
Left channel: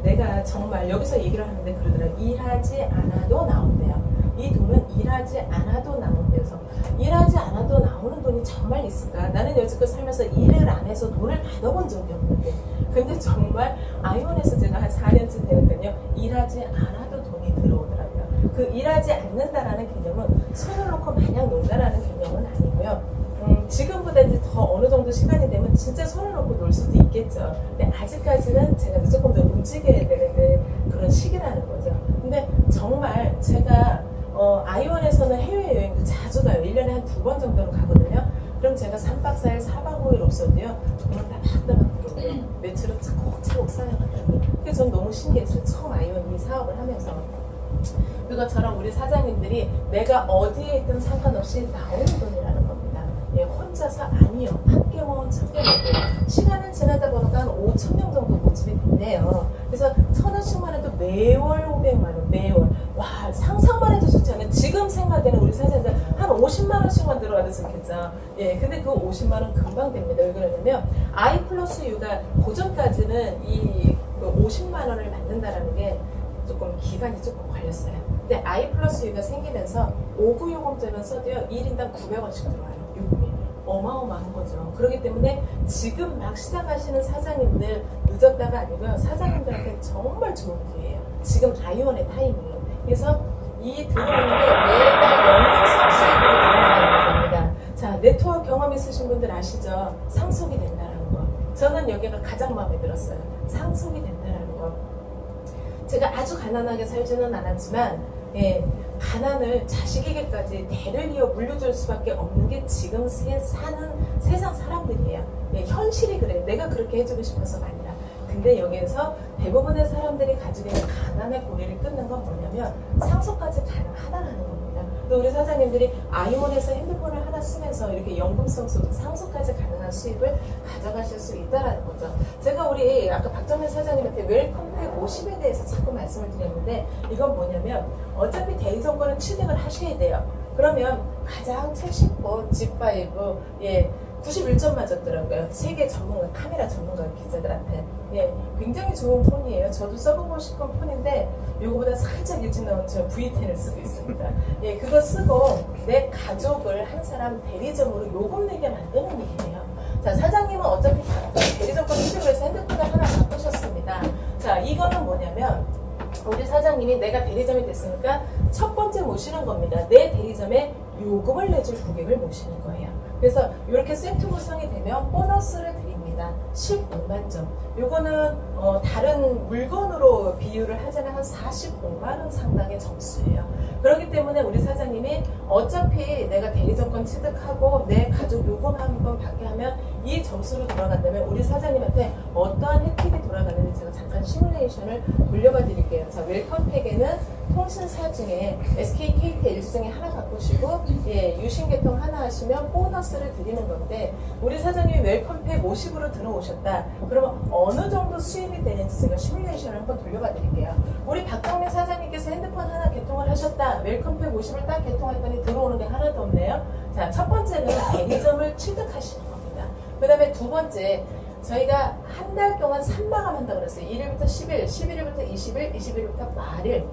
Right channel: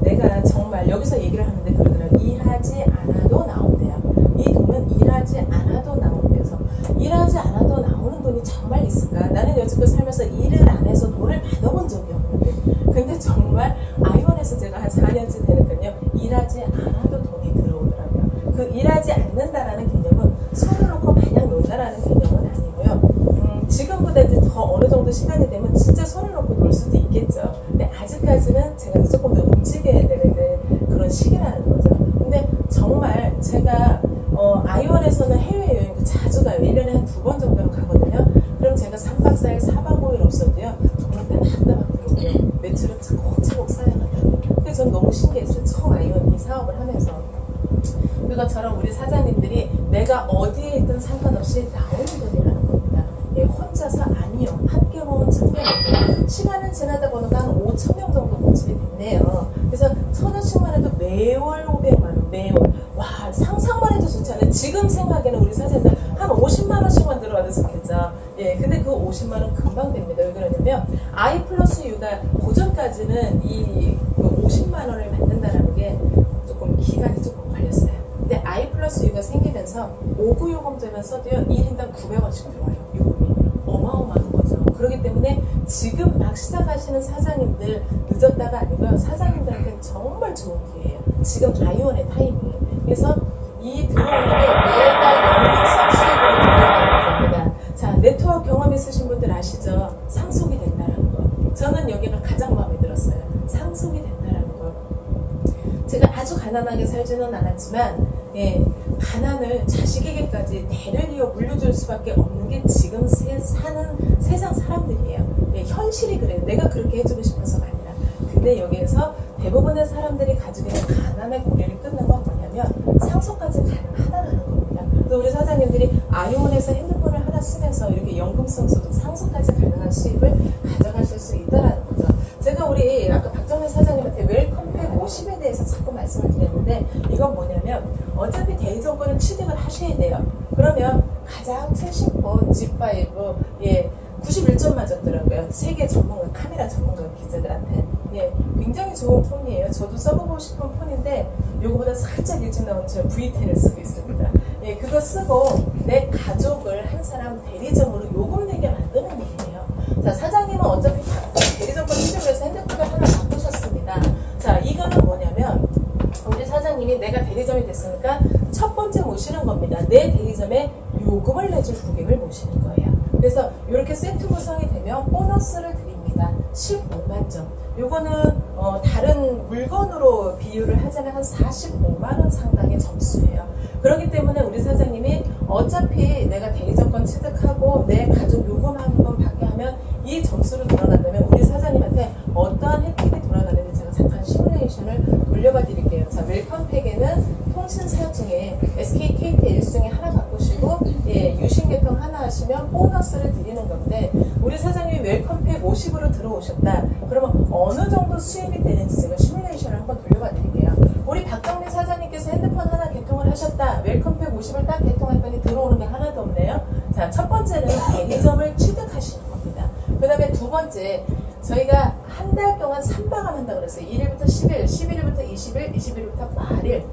내가 정말 여기서 얘기를 하는데 그러더라고요. 일하지 않아도 나온대요. 이 돈은 일하지 않아도 나온대서 일하지 않아도 나오는 돈이 정말 있을까? 나는 여지껏 살면서 일을 안 해서 돈을 받아본 적이 없는데 근데 정말 아이원에서 제가 한 4년쯤 되니까요. 일하지 않아도 돈이 들어오더라고요. 그 일하지 않는다라는 개념은 손을 놓고 마냥 논다라는 개념은 아니고요. 지금보다 이제 더 어느 정도 시간이 되면 진짜 손을 놓고 놀 수도 있겠죠. 근데 아직까지는 제가 조금 더 움직여야 되는 그런 시기라는 거죠. 근데 정말 제가 아이원에서는 해외여행도 자주 가요. 1년에 한 2번 정도는 가거든요. 그럼 제가 3박 4일, 4박 5일 없어도요. 돈을 따박따박 들어오고요. 매출은 차곡차곡 쌓여가더라고요. 그래서 전 너무 신기했어요. 처음 아이원 이 사업을 하면서. 그것처럼 우리 사장님들이 내가 어디에 있든 상관없이 나오는 돈이라는 겁니다. 예, 혼자서 아니요. 함께 모은 1,000명인데 시간을 지나다 보니까 한 5,000명 정도 모집이 됐네요. 그래서 1,000원씩만 해도 매월 500만원, 매월. 와, 상상만 해도 좋지 않아요? 지금 생각에는 우리 사장님들 한 50만원씩만 들어와도 좋겠죠. 예, 근데 그 50만원 금방 됩니다. 왜 그러냐면 I 플러스 U가 고전까지는 이 50만원을 만든다는 게 조금 기간이 조금 걸렸어요. 근데 I 플러스 U가 생기면서 5구 요금제만 써도요 1인당 900원씩 들어와요. 요금이 어마어마한 거죠. 그렇기 때문에 지금 막 시작하시는 사장님들 늦었다가 아니고요. 사장님들한테 정말 좋은 기회예요. 지금 아이원의 타이밍이에요. 그래서 이 들어오는 게 매달 연금성 수익으로 들어가는 겁니다. 자, 네트워크 경험 있으신 분들 아시죠? 상속이 된다는 거. 저는 여기가 가장 마음에 들었어요. 상속이 된다는 거. 제가 아주 가난하게 살지는 않았지만 예, 가난을 자식에게까지 대를 이어 물려줄 수밖에 없는 게 지금 사는 세상 사람들이에요. 예, 현실이 그래요. 내가 그렇게 해주고 싶어서가 아니라. 근데 근데 여기에서 대부분의 사람들이 가지고 있는 가난의 고리를 끊는 건 뭐냐면 상속까지 가능하다는 겁니다. 또 우리 사장님들이 아이몬에서 핸드폰을 하나 쓰면서 이렇게 연금성 소득 상속까지 가능한 수입을 가져가실 수 있다는 거죠. 제가 우리 아까 박정현 사장님한테 웰컴팩 50에 대해서 자꾸 말씀을 드렸는데 이건 뭐냐면 어차피 대리점권을 취득을 하셔야 돼요. 그러면 가장 최신 폰 G5 91점 맞았더라고요. 세계 전문가, 카메라 전문가 기자들한테. 굉장히 좋은 폰이에요. 저도 써보고 싶은 폰인데 이거보다 살짝 일찍 나온 저 V10을 쓰고 있습니다. 그거 쓰고 내 가족을 한 사람 대리점으로 요금 내게 만드는 일이에요. 자, 사장님은 어차피 대리점권 취득을 해서 핸드폰을 하나 바꾸셨습니다. 자, 이거는 뭐냐면 우리 사장님이 내가 대리점이 됐으니까 첫 번째 모시는 겁니다. 내 대리점에 요금을 내줄 고객을 모시는 거예요. 그래서 이렇게 세트 구성이 되면 보너스를 드립니다. 15만 점. 요거는 다른 물건으로 비유를 하자면 한 45만 원 상당의 점수예요. 그렇기 때문에 우리 사장님이 어차피 내가 대리점권 취득하고 내 가족 요금 한 번 받게 하면 이 점수로 돌아간다면 우리 사장님한테 어떠한 혜택이 돌아가는지 제가 잠깐 시뮬레이션을 돌려봐 드릴게요. 자, 웰컴팩에는 통신 사업 중에 SK, KT, LG 중에 하나 바꾸시고 유심 개통 하나 하시면 보너스를 드리는 건데 우리 사장님이 웰컴팩 50으로 들어오셨다. 그러면 어느 정도 수입이 되는지 제가 시뮬레이션을 한번 돌려봐 드릴게요. 우리 박정민 사장님께서 핸드폰 하나 개통을 하셨다. 웰컴팩 50을 딱 개통했더니 들어오는 게 하나도 없네요. 자, 첫 번째는 대리점을 취득하시는 겁니다. 그 다음에 두 번째, 저희가 한 달 동안 3마감 한다고 그랬어요. 1일부터 10일, 11일부터 20일, 20일부터 말일.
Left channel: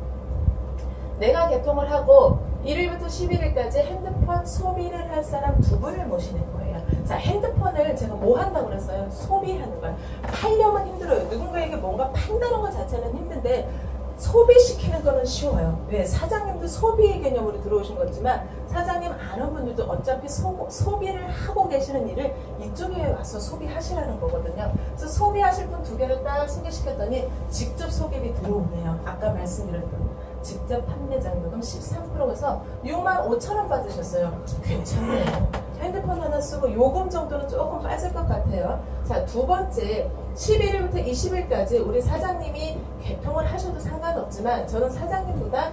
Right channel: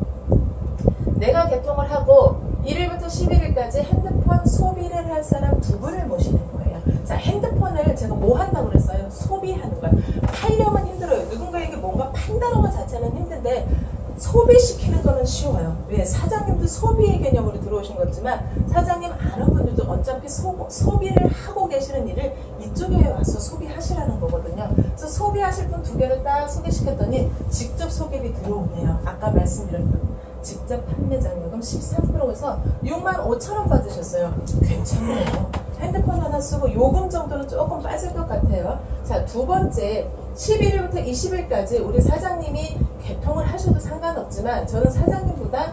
내가 개통을 하고 1일부터 11일까지 핸드폰 소비를 할 사람 두 분을 모시는 거예요. 자, 핸드폰을 제가 뭐 한다고 그랬어요? 소비하는 거예요. 팔려면 힘들어요. 누군가에게 뭔가 판다는 것 자체는 힘든데 소비시키는 거는 쉬워요. 왜? 사장님도 소비의 개념으로 들어오신 거지만 사장님 아는 분들도 어차피 소비를 하고 계시는 일을 이쪽에 와서 소비하시라는 거거든요. 그래서 소비하실 분 두 개를 딱 소개시켰더니 직접 소개비 들어오네요. 아까 말씀드렸던 직접 판매장 요금 13%에서 65,000원 받으셨어요. 괜찮네요. 핸드폰 하나 쓰고 요금 정도는 조금 빠질 것 같아요. 자, 두 번째 11일부터 20일까지 우리 사장님이 개통을 하셔도 상관없지만 저는 사장님보다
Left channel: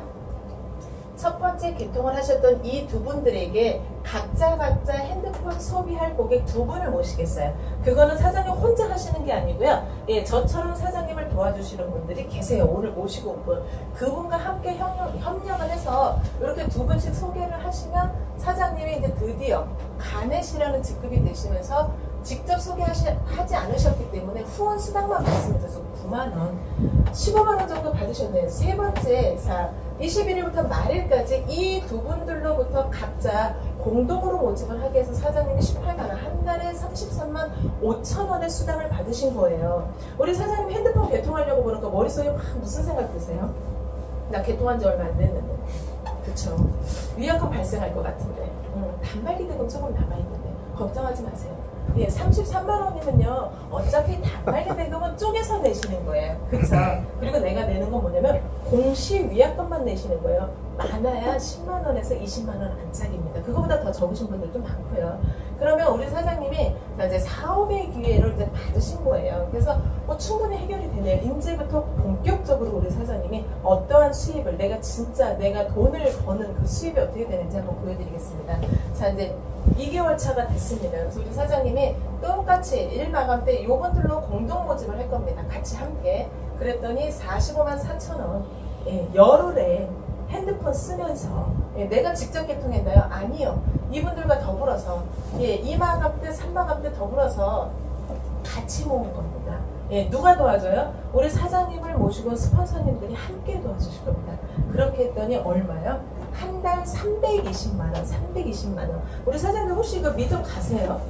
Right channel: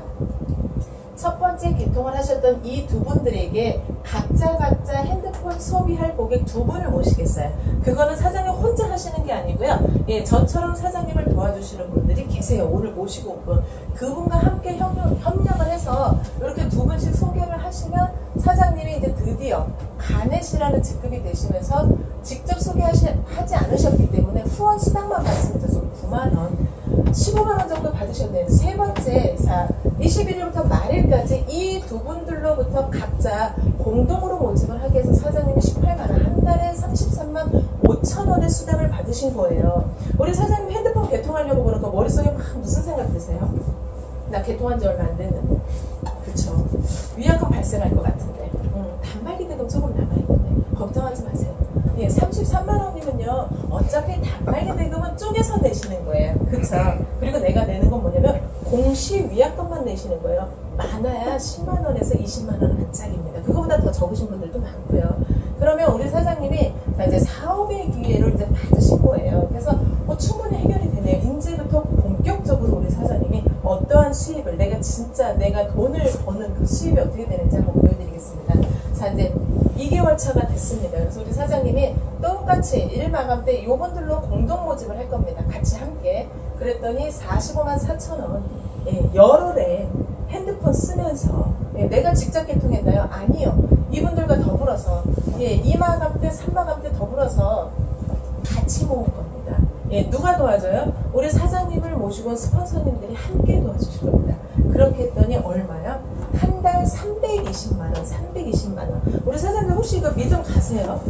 첫 번째 개통을 하셨던 이 두 분들에게 각자 핸드폰 소비할 고객 두 분을 모시겠어요. 그거는 사장님 혼자 하시는 게 아니고요. 저처럼 사장님을 도와주시는 분들이 계세요. 오늘 모시고 온 분. 그분과 함께 협력을 해서 이렇게 두 분씩 소개를 하시면 사장님이 이제 드디어 가넷이라는 직급이 되시면서 직접 소개하지 않으셨기 때문에 후원 수당만 말씀드려서 9만원, 15만원 정도 받으셨네요. 세 번째, 21일부터 말일까지 이 두 분들로부터 각자 공동으로 모집을 하게 해서 사장님이 18만원, 한 달에 33만 5천원의 수당을 받으신 거예요. 우리 사장님 핸드폰 개통하려고 보니까 머릿속에 막 무슨 생각 드세요? 나 개통한 지 얼마 안 됐는데. 그쵸. 위약금 발생할 것 같은데. 단말기 대금 조금 남아있는데. 걱정하지 마세요. 33만원이면요. 어차피 단말기 대금은 쪼개서 내시는 거예요. 그쵸. 그리고 내가 내는 건 뭐냐면 공시 위약금만 내시는 거예요. 많아야 10만원에서 20만원 안짝입니다. 그거보다 더 적으신 분들도 많고요. 그러면 우리 사장님이 이제 사업의 기회를 이제 받으신 거예요. 그래서 충분히 해결이 되네요. 이제부터 본격적으로 우리 사장님이 어떠한 수입을 내가 돈을 버는 그 수입이 어떻게 되는지 한번 보여드리겠습니다. 자, 이제 2개월 차가 됐습니다. 그래서 우리 사장님이 똑같이 1마감 때 요분들로 공동 모집을 할 겁니다. 같이 함께. 그랬더니 45만 4천원 열흘에 핸드폰 쓰면서 내가 직접 개통했나요? 아니요. 이분들과 더불어서 2마감 때 3마감 때 더불어서 같이 모은 겁니다. 누가 도와줘요? 우리 사장님을 모시고 스폰서님들이 함께 도와주실 겁니다. 그렇게 했더니 얼마요? 한 달 320만원, 320만원. 우리 사장님 혹시 이거 믿음 가세요?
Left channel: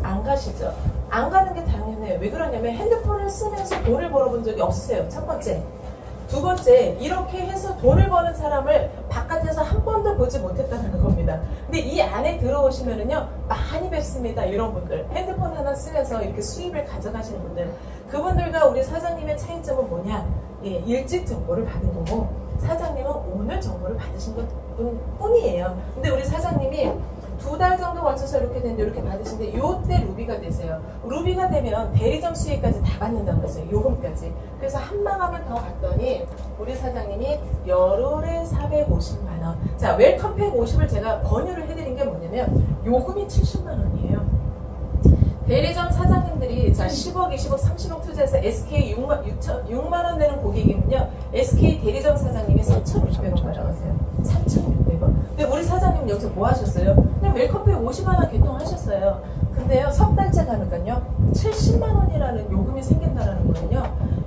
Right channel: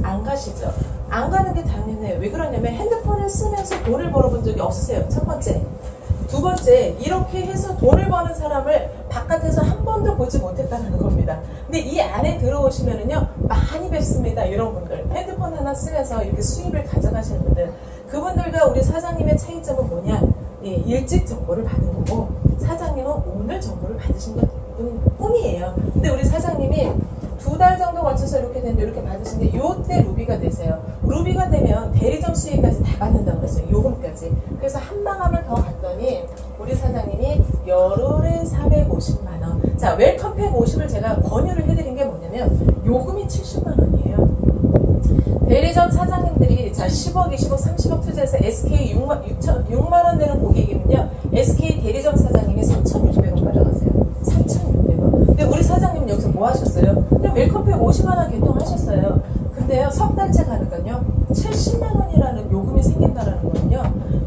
안 가시죠? 안 가는 게 당연해요. 왜 그러냐면 핸드폰을 쓰면서 돈을 벌어본 적이 없으세요. 첫 번째. 두 번째, 이렇게 해서 돈을 버는 사람을 바깥에서 한 번도 보지 못했다는 겁니다. 근데 이 안에 들어오시면은요, 많이 뵙습니다. 이런 분들. 핸드폰 하나 쓰면서 이렇게 수입을 가져가시는 분들. 그분들과 우리 사장님의 차이점은 뭐냐? 일찍 정보를 받은 거고, 사장님은 오늘 정보를 받으신 것 뿐이에요. 근데 우리 사장님이 2달 정도 거쳐서 이렇게 되는데 이렇게 받으시는데 요때 루비가 되세요. 루비가 되면 대리점 수익까지 다 받는다고 그랬어요. 요금까지. 그래서 한 마감을 더 갔더니 우리 사장님이 열흘에 450만원. 자, 웰컴 150을 제가 권유를 해드린 게 뭐냐면 요금이 70만원이에요. 대리점 사장님들이 자 10억, 20억, 30억 투자해서 SK 6만원 되는 고객이면요. SK 대리점 사장님이 3,600원 가져가세요. 3,600원. 근데 우리 사장님 여기서 뭐 하셨어요? 그냥 웰컴페이 50만원 개통하셨어요. 근데요, 석 달째 가니까요, 70만원이라는 요금이 생긴다라는 거는요,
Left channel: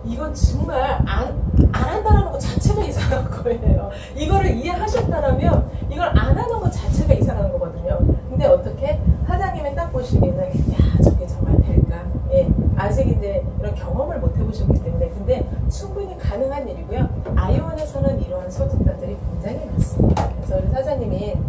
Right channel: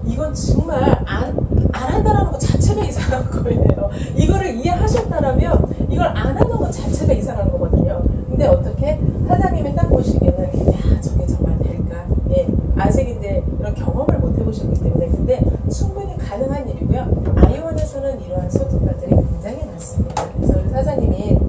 이건 정말 안 한다라는 것 자체가 이상한 거예요. 이거를 이해하셨다라면, 이걸 안 하는 것 자체가 이상한 거거든요. 근데 어떻게? 사장님이 딱 보시기에는, 야, 저게 정말 될까? 예, 아직 이제 이런 경험을 못 해보셨기 때문에. 근데 충분히 가능한 일이고요. 아이온에서는 이러한 소득가들이 굉장히 많습니다. 그래서 우리 사장님이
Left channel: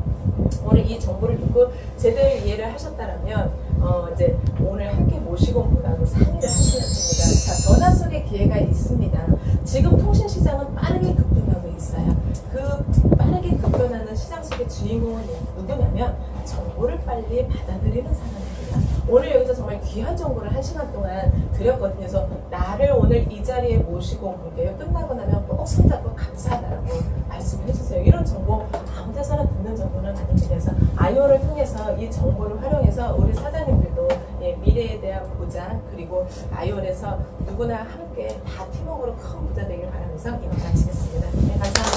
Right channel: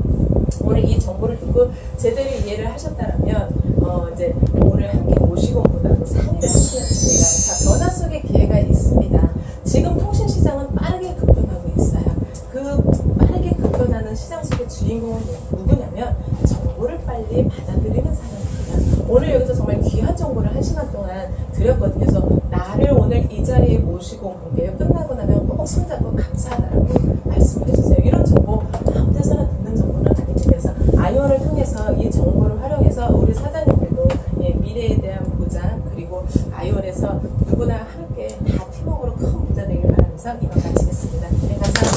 오늘 이 정보를 듣고 제대로 이해를 하셨다라면, 이제 오늘 함께 모시고보다도 상의를 하시겠습니다. 자, 변화 속의 기회가 있습니다. 지금 통신시장은 빠르게 급변하고 있어요. 그 빠르게 급변하는 시장 속의 주인공은 누구냐면 정보를 빨리 받아들이는 사람입니다. 오늘 여기서 정말 귀한 정보를 1시간 동안 드렸거든요. 그래서 나를 오늘 이 자리에 모시고 온 분께요. 끝나고 나면 꼭 손잡고 감사하다고 말씀을 해주세요. 이런 정보 아무 데서나 듣는 정보는 아닙니다. 그래서 아이온을 통해서 이 정보를 활용해서 우리 사장님들도 미래에 대한 보장, 그리고 아이온에서 누구나 함께 다 팀워크로 큰 부자 되길 바라면서 이만 마치겠습니다. 네, 감사합니다.